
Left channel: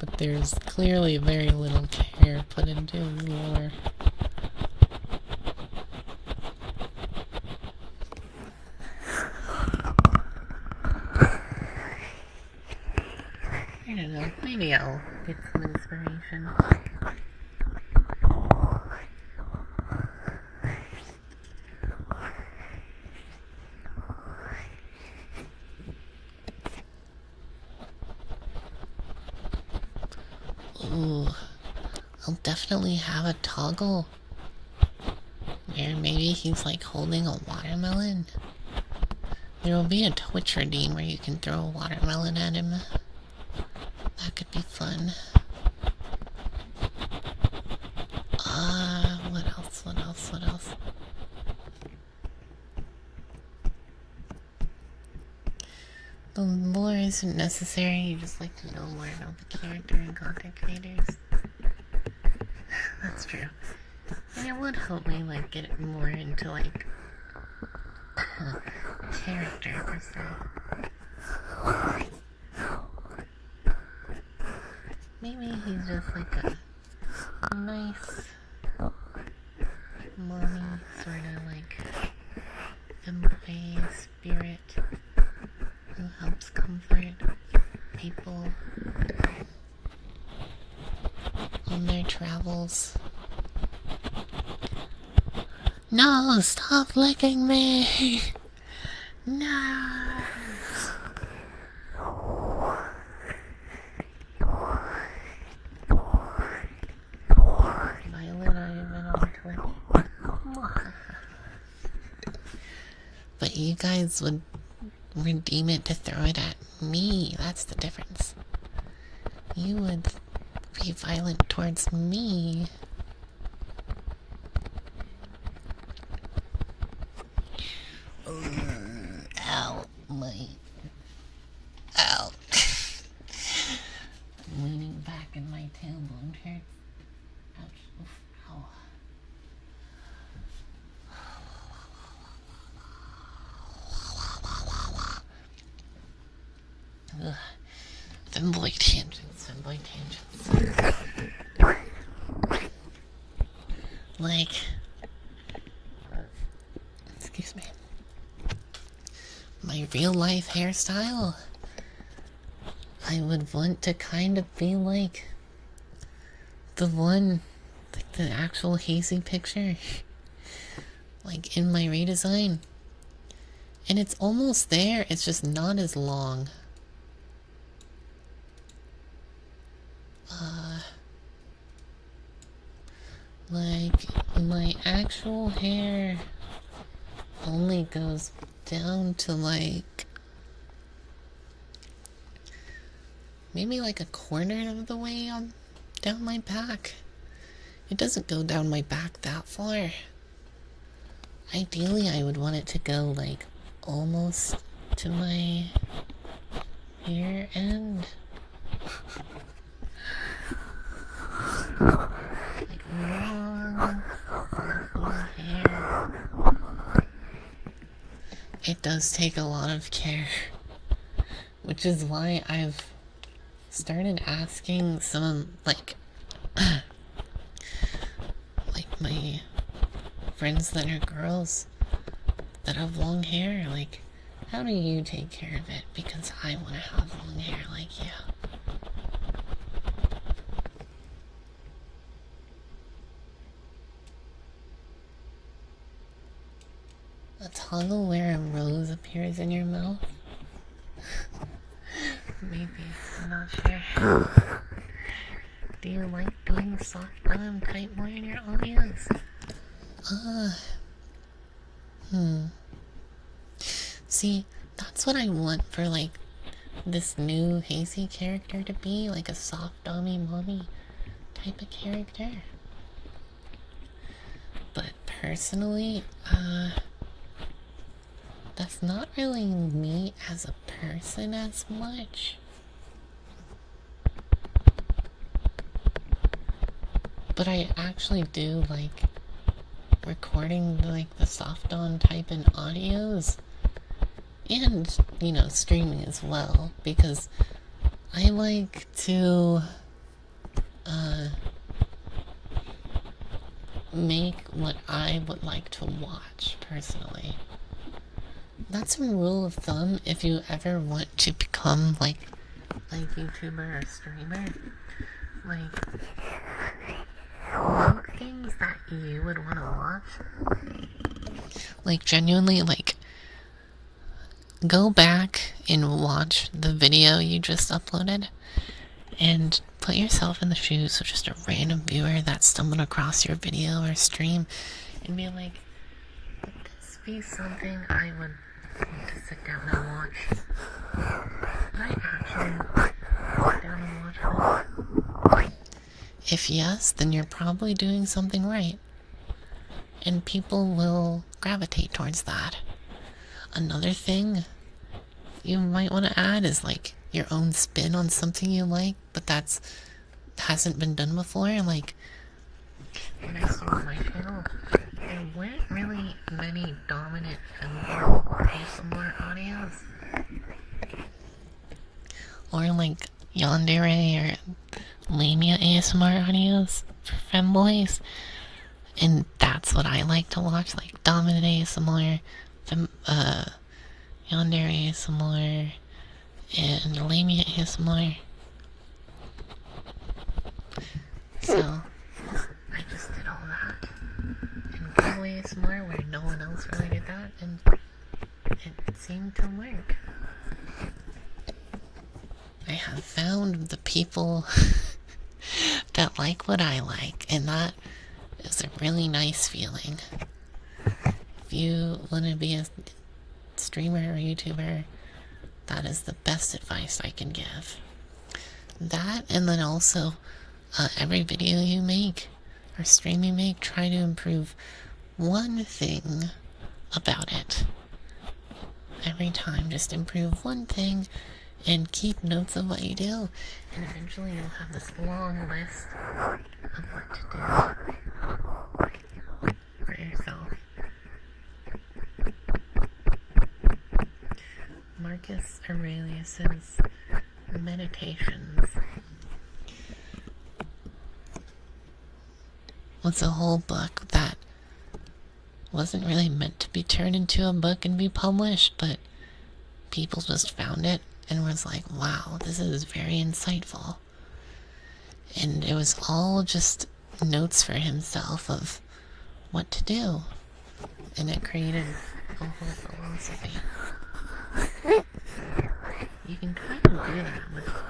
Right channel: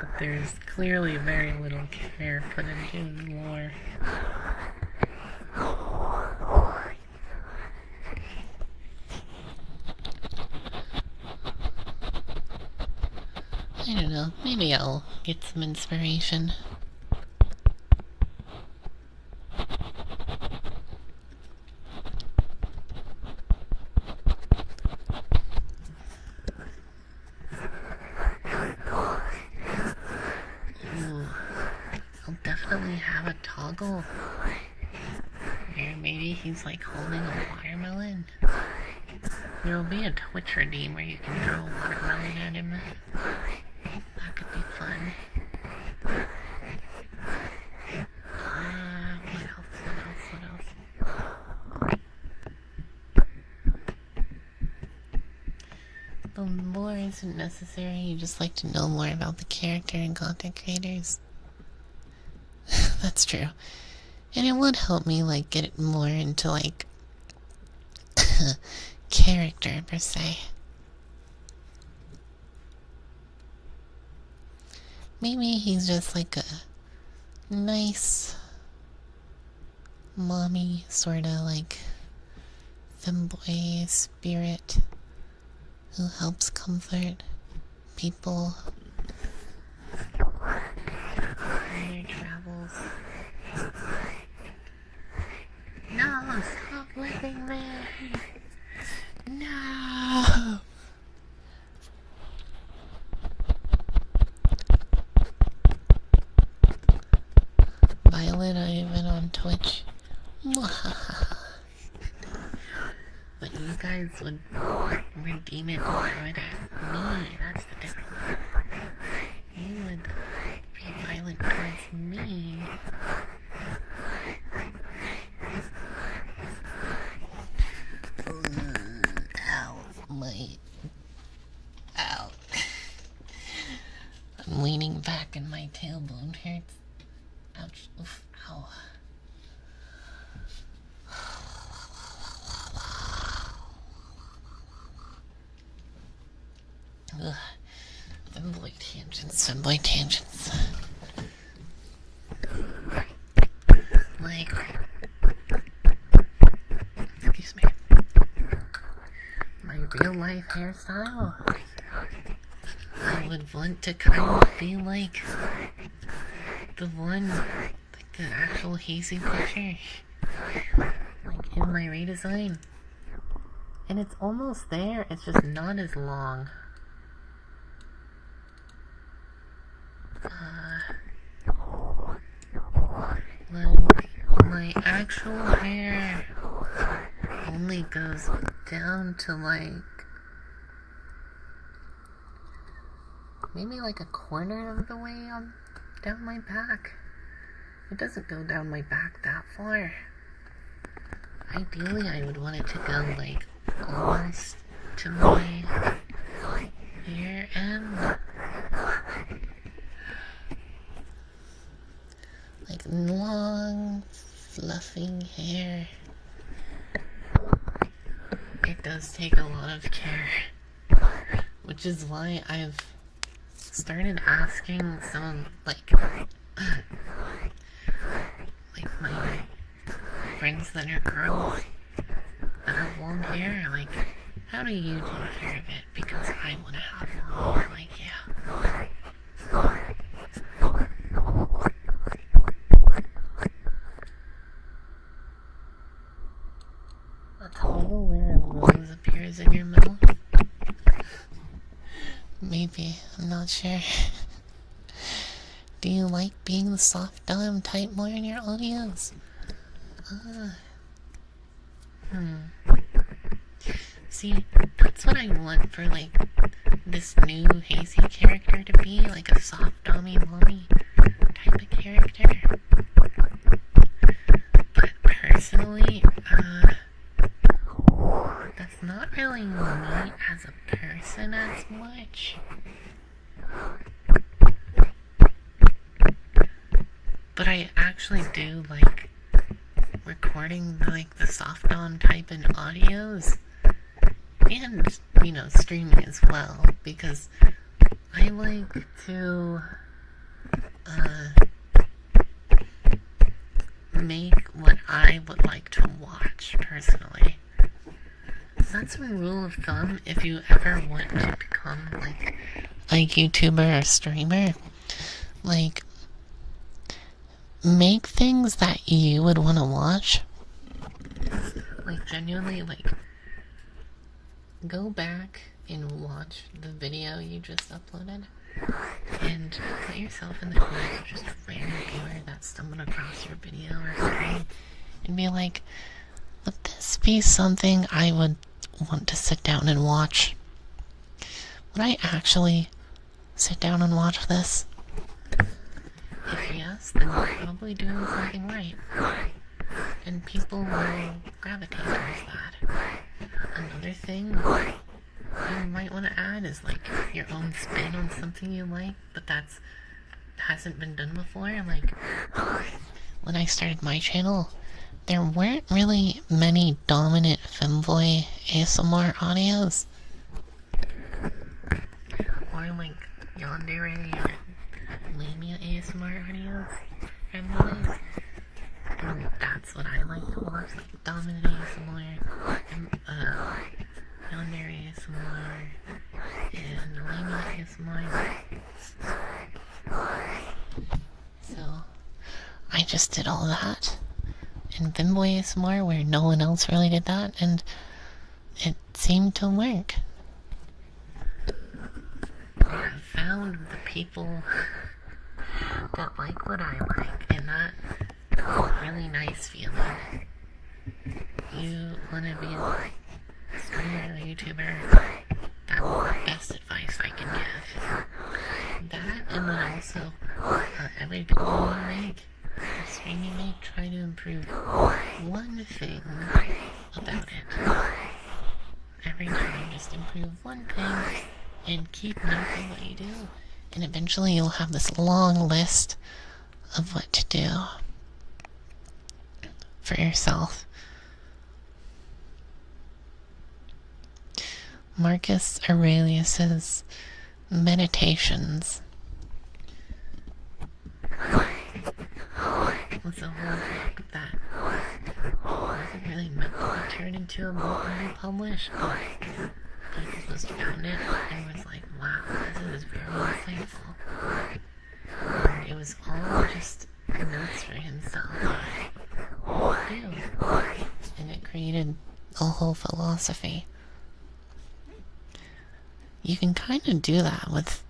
But there's clearly very little care put into his lore. I don't know, maybe I'll get some inspiration. Ooh, I'll definitely have a toggle Or maybe he's like holding a watermelon. There'll be a Twitch redeem where you can throw a watermelon at him. That could be fun. What else? The lore isn't necessary, you just like to know more about the character and content creators. That's true. And it would help me, like, get more into, like, character, per se. Maybe he's just, like, a nice mommy, sorta, like, femboy spirit who helps comfort people on their travels. No, stop licking me! No! Violet, I've been on Twitch. But you guys would redeem it to throw it at me. That's the difference. You would be violent towards me. Ow, ow. I'm leaning back and my tailbone hurts. Ouch. Oof. Ow. Ugh. Femboy tangents. Like, excuse me, my real life hairstyle, I would want to kind of be like the one, like the actual Hazy picture, like in my redesign. And it's almost there, it's just not as long. Like, my actual hair only goes down to like, maybe like a corner of the way on down my back. It doesn't go down my back that far. Ideally, I would want it to go like almost to my hair end. Like long, fluffy hair. It does take a lot of care, which is why I've started asking some, like my friends that are girls that have long hair, like, how do you take care of it? Because I want to have long hair like you. A toggle where a rose appears in your mouth? Maybe, I'm not sure. Do you like being the soft dom type more in your audios? See, that's what I want for, like, this new Hazy character to be, like a soft dommy mommy type of character. But personally, that's not really me as a person as much. But I actually do like recording like the soft on type in audios and, you know, streaming as well, because I like to make what I would like to watch personally. That's a rule of thumb if you ever want to become like a YouTuber or streamer. Like, make things that you would want to watch. Like, genuinely, like, go back and watch the video you just uploaded and put yourself in the shoes of just a random viewer that stumbled across your video or stream and be like, would this be something I would want to sit down and watch? Would I actually sit down and watch this? If yes, then you're probably doing something right. And people will gravitate towards that. Another thing you might want to add is like your own spin on something you like, but hasn't been done before. Like when I started my channel, there weren't really many dominant femboy ASMR audios, or like yandere or lamia ASMR audios for femboys. And that's what I like to watch, like dominant ASMR, yandere ASMR, and lamia ASMR. So I just did all that in Gimboy ASMR where no one else really did that, and it seemed to work. I have found the people that like what I like, and that is a really nice feeling. If you want to be a streamer or YouTuber, that is the best advice I can give. That, and then also every video you make or stream you make, try to improve one thing about it. Every time, just improve one thing and keep notes of what you do, and eventually you'll have this long list of what to do for yourself. Marcus Aurelius's Meditations was a whole book that wasn't really meant to be turned into a book and be published, but people just found it and was like, wow, this is very insightful. And it was all just notes for himself of what to do, and it created a whole philosophy. You can kind of do that with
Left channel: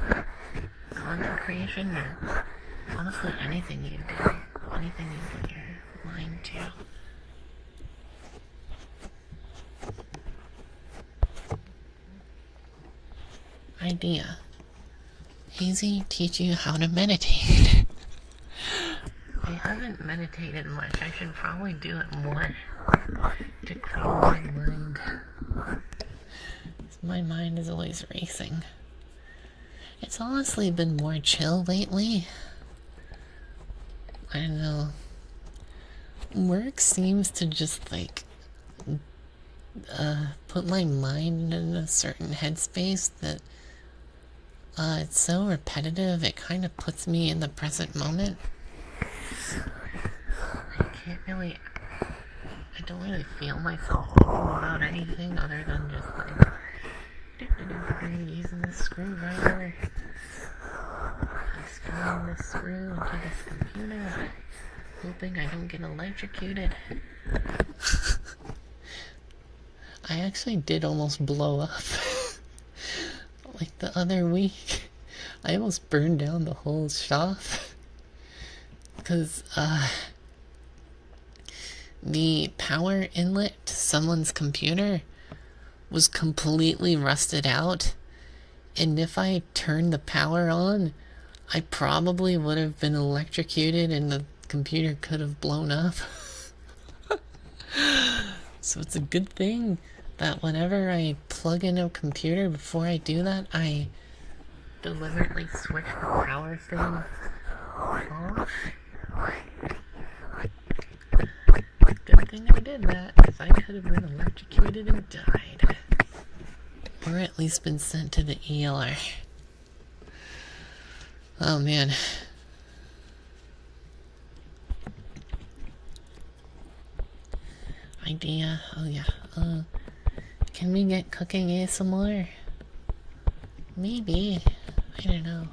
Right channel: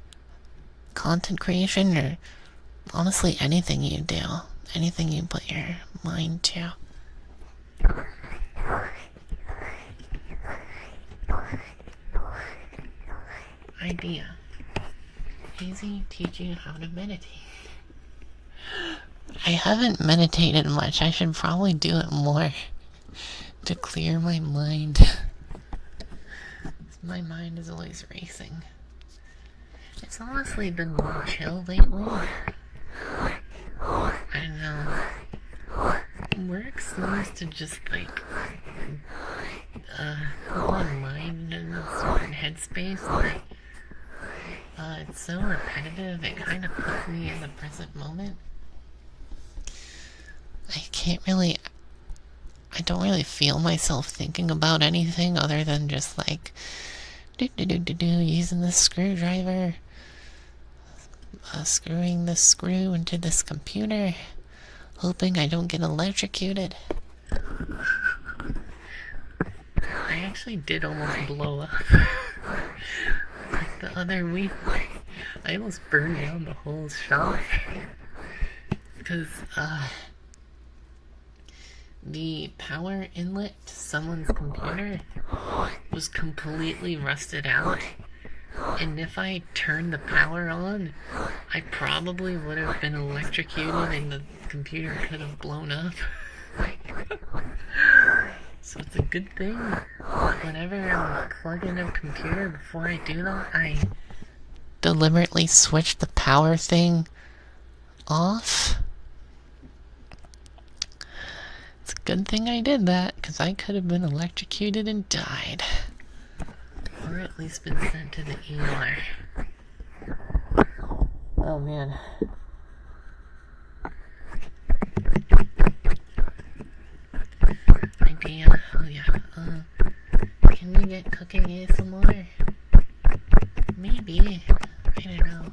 content creation, or honestly anything you do, anything you put your mind to. Idea: Hazy teach you how to meditate. I haven't meditated much. I should probably do it more to clear my mind. My mind is always racing. It's honestly been more chill lately. I don't know. Work seems to just like put my mind in a certain headspace that it's so repetitive, it kind of puts me in the present moment. I don't really feel myself thinking about anything other than just like using this screwdriver, screwing this screw into this computer, hoping I don't get electrocuted. I actually did almost blow up. Like the other week, I almost burned down the whole shop because the power inlet to someone's computer was completely rusted out, and if I turned the power on, I probably would have been electrocuted and the computer could have blown up. So it's a good thing that whenever I plug in a computer, before I do that, I deliberately switch the power thing off. It's a good thing I did that, because I could have been electrocuted and died. Or at least been sent to the ER. Oh man. Idea. Oh yeah. Can we get cooking ASMR? Maybe. I don't know.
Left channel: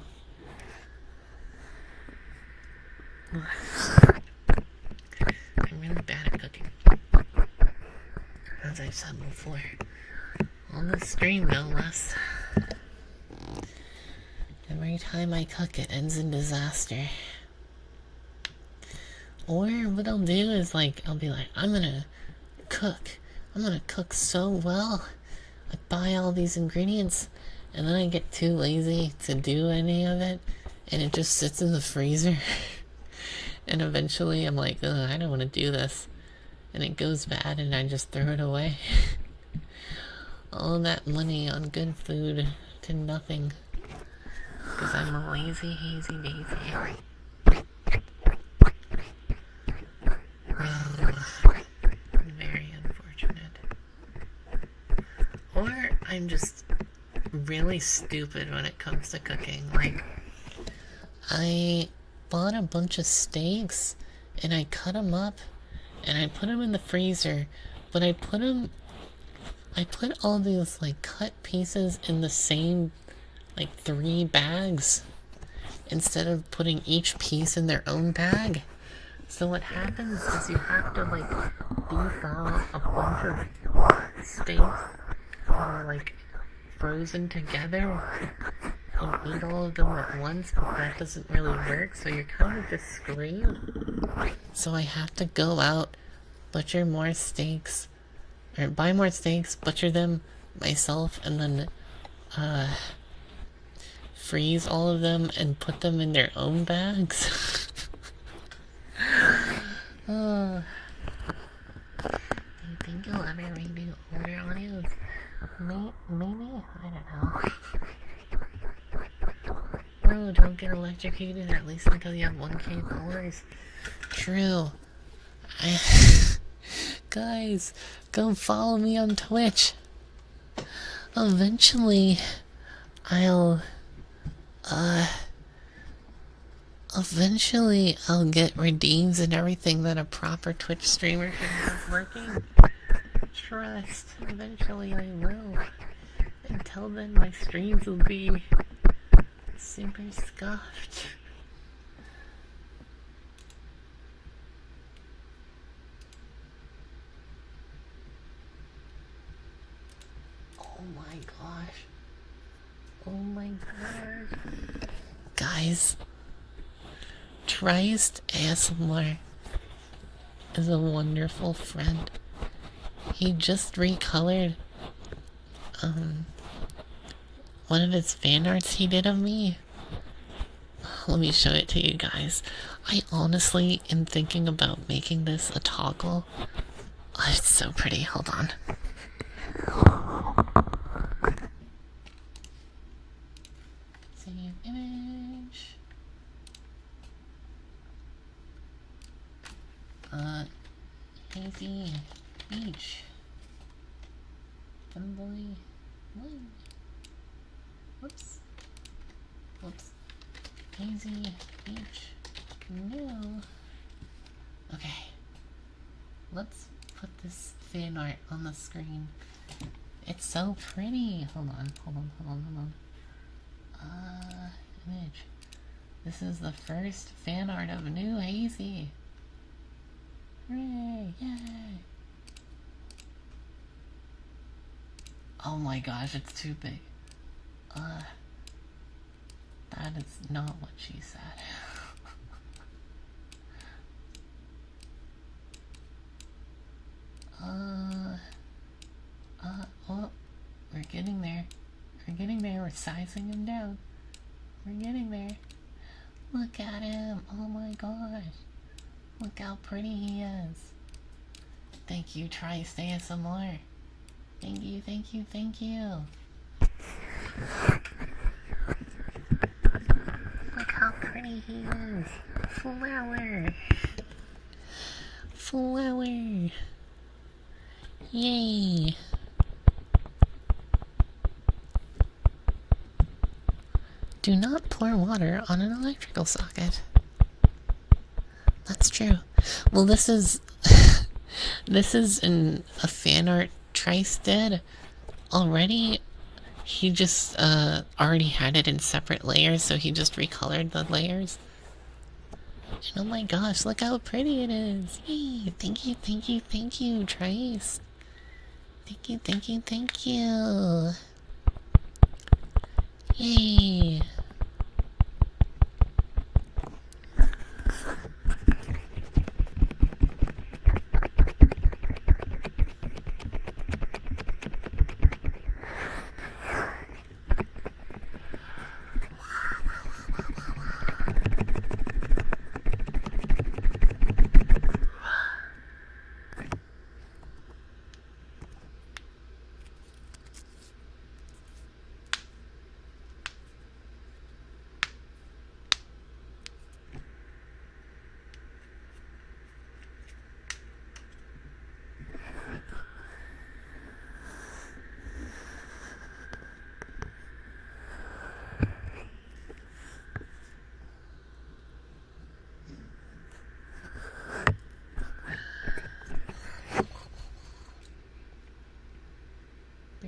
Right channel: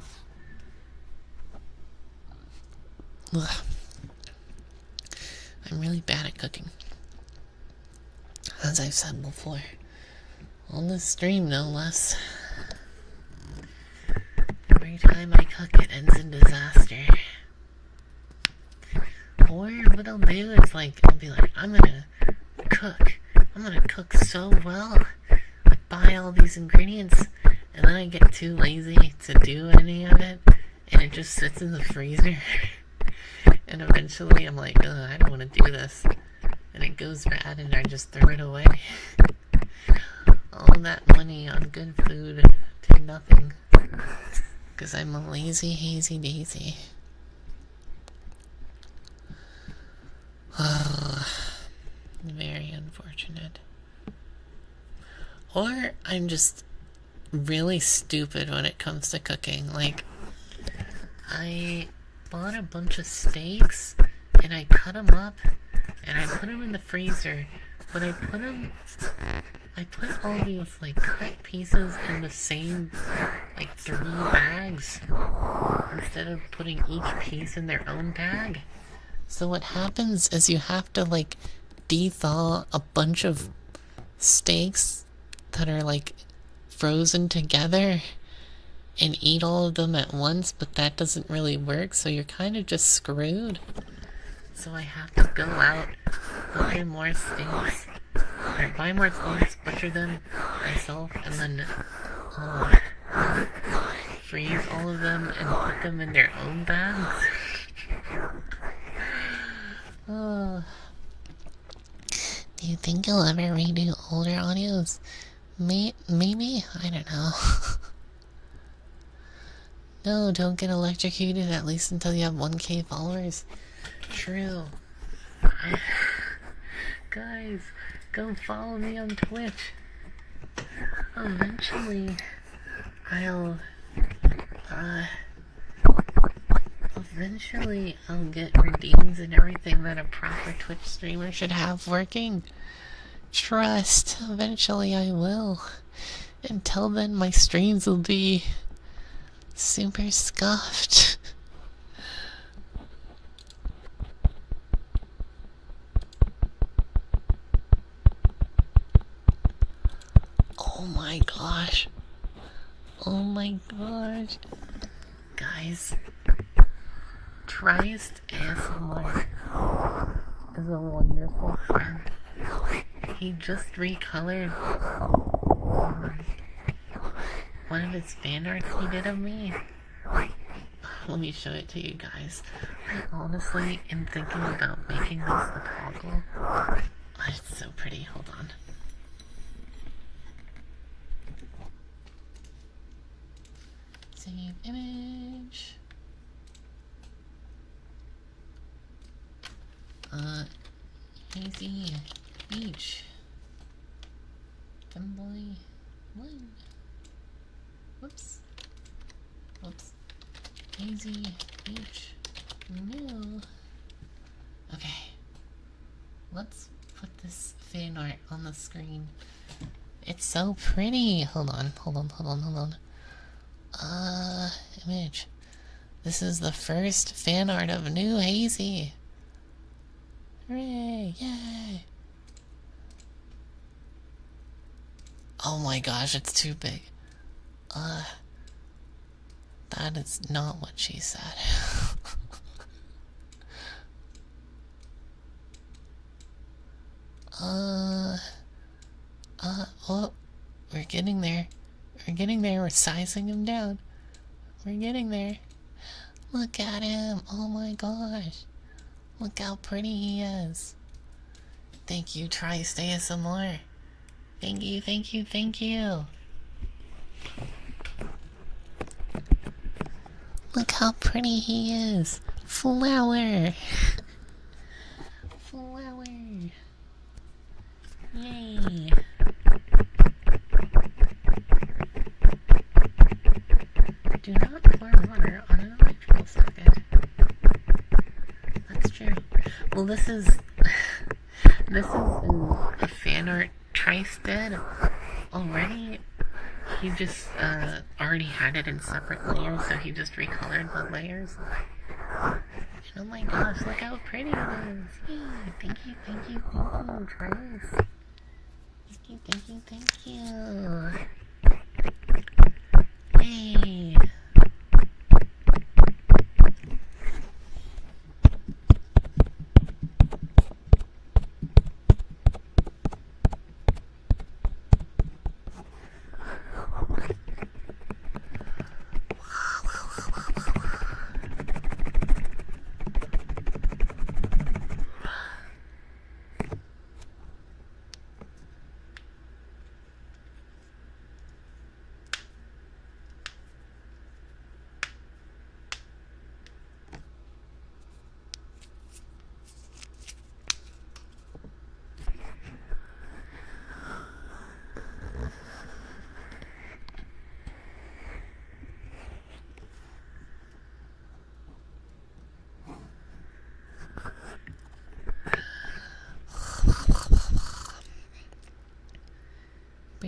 Ugh. I'm really bad at cooking. As I've said before. On the stream, no less. Every time I cook, it ends in disaster. Or what I'll do is like, I'll be like, I'm gonna cook so well. I buy all these ingredients and then I get too lazy to do any of it and it just sits in the freezer. And eventually I'm like, ugh, I don't want to do this. And it goes bad and I just throw it away. All that money on good food to nothing. Because I'm a lazy hazy daisy. Very unfortunate. Or I'm just really stupid when it comes to cooking. Like, I bought a bunch of steaks and I cut them up and I put them in the freezer, but I put all these like cut pieces in the same like 3 bags instead of putting each piece in their own bag. So what happens is you have to like de-thaw a bunch of steaks that are like frozen together and eat all of them at once, but that doesn't really work, so you're kind of just screwed. So I have to go out, butcher more steaks, or buy more steaks, butcher them myself, and then freeze all of them and put them in their own bags. Oh. Do you think you'll ever redo older audios? Maybe? I don't know. No, don't get electrocuted at least until you have 1K followers. True. Guys, go follow me on Twitch. Eventually, I'll get redeems and everything that a proper Twitch streamer should have working. Trust, eventually I will. Until then, my streams will be super scuffed. Oh my gosh. Oh my gosh. Guys, Trist ASMR is a wonderful friend. He just recolored one of his fan arts he did of me. Let me show it to you guys. I honestly am thinking about making this a toggle. Oh, it's so pretty. Hold on. Save image. Hazy Beach. Femboy 1. Whoops. Hazy Beach. New. Okay. Let's put this fan art on the screen. It's so pretty. Hold on. Image. This is the first fan art of new Hazy. Hooray! Yay! Oh my gosh, it's too big. That is not what she said. Oh, we're getting there. We're sizing him down. We're getting there. Look at him. Oh my gosh. Look how pretty he is. Thank you, Trist ASMR. Thank you. Look how pretty he is. Flower. Yay. Do not pour water on an electrical socket. That's true. Well, this is in a fan art Trist did already. He just already had it in separate layers, so he just recolored the layers. And oh my gosh, look how pretty it is. Yay. Thank you, Trist. Thank you. Yay.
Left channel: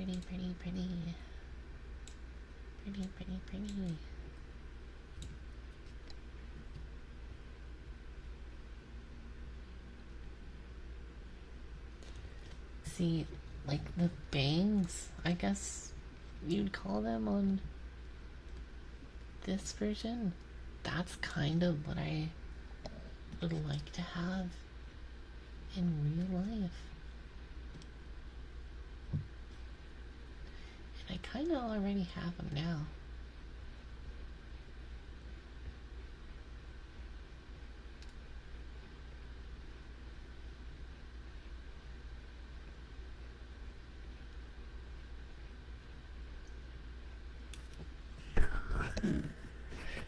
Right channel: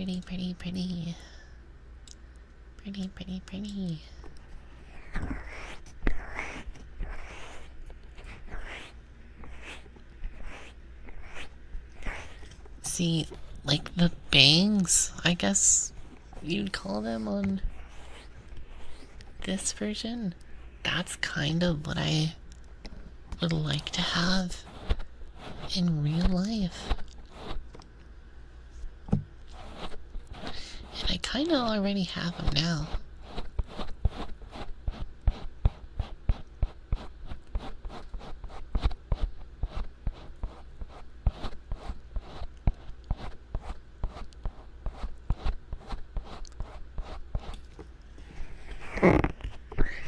Pretty, pretty, pretty. Pretty, pretty, pretty. See, like the bangs, I guess you'd call them on this version. That's kind of what I would like to have in real life. And I kind of already have them now.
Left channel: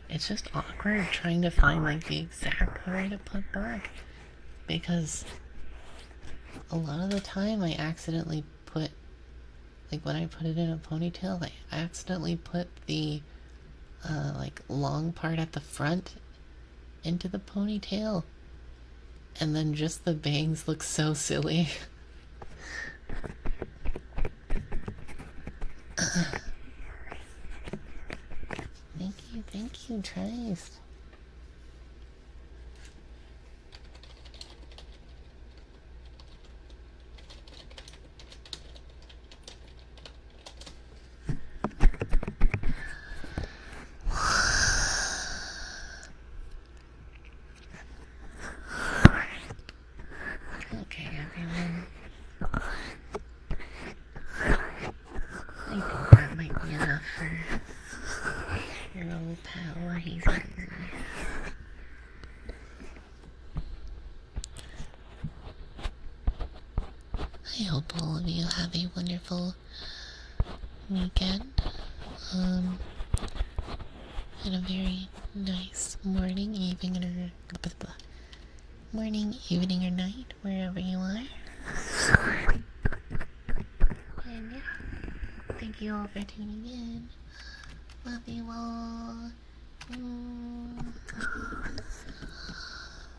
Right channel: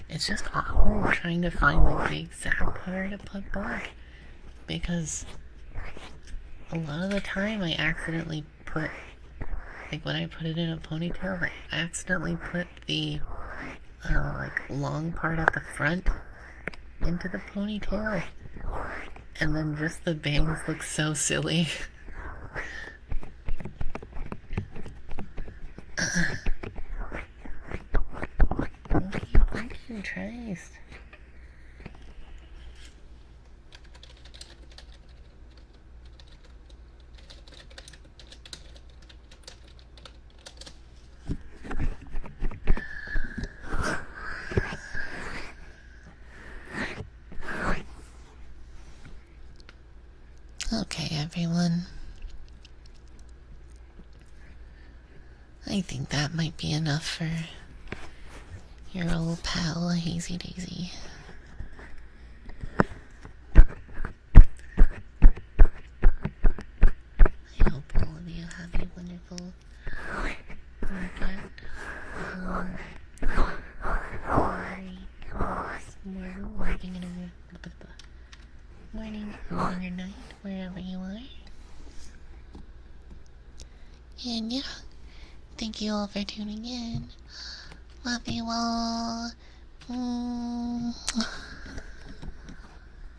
It's just awkward trying to find like the exact hair to put back, because a lot of the time I accidentally put, like when I put it in a ponytail, I accidentally put the like long part at the front into the ponytail, and then just the bangs look so silly. Thank you, Christ. Okay, everyone. I think that might be enough for your old pal, Hazy Daisy. I hope all of you have a wonderful weekend. And a very nice morning, evening, or night, wherever you are. And yeah, thank you all for tuning in. Love you all.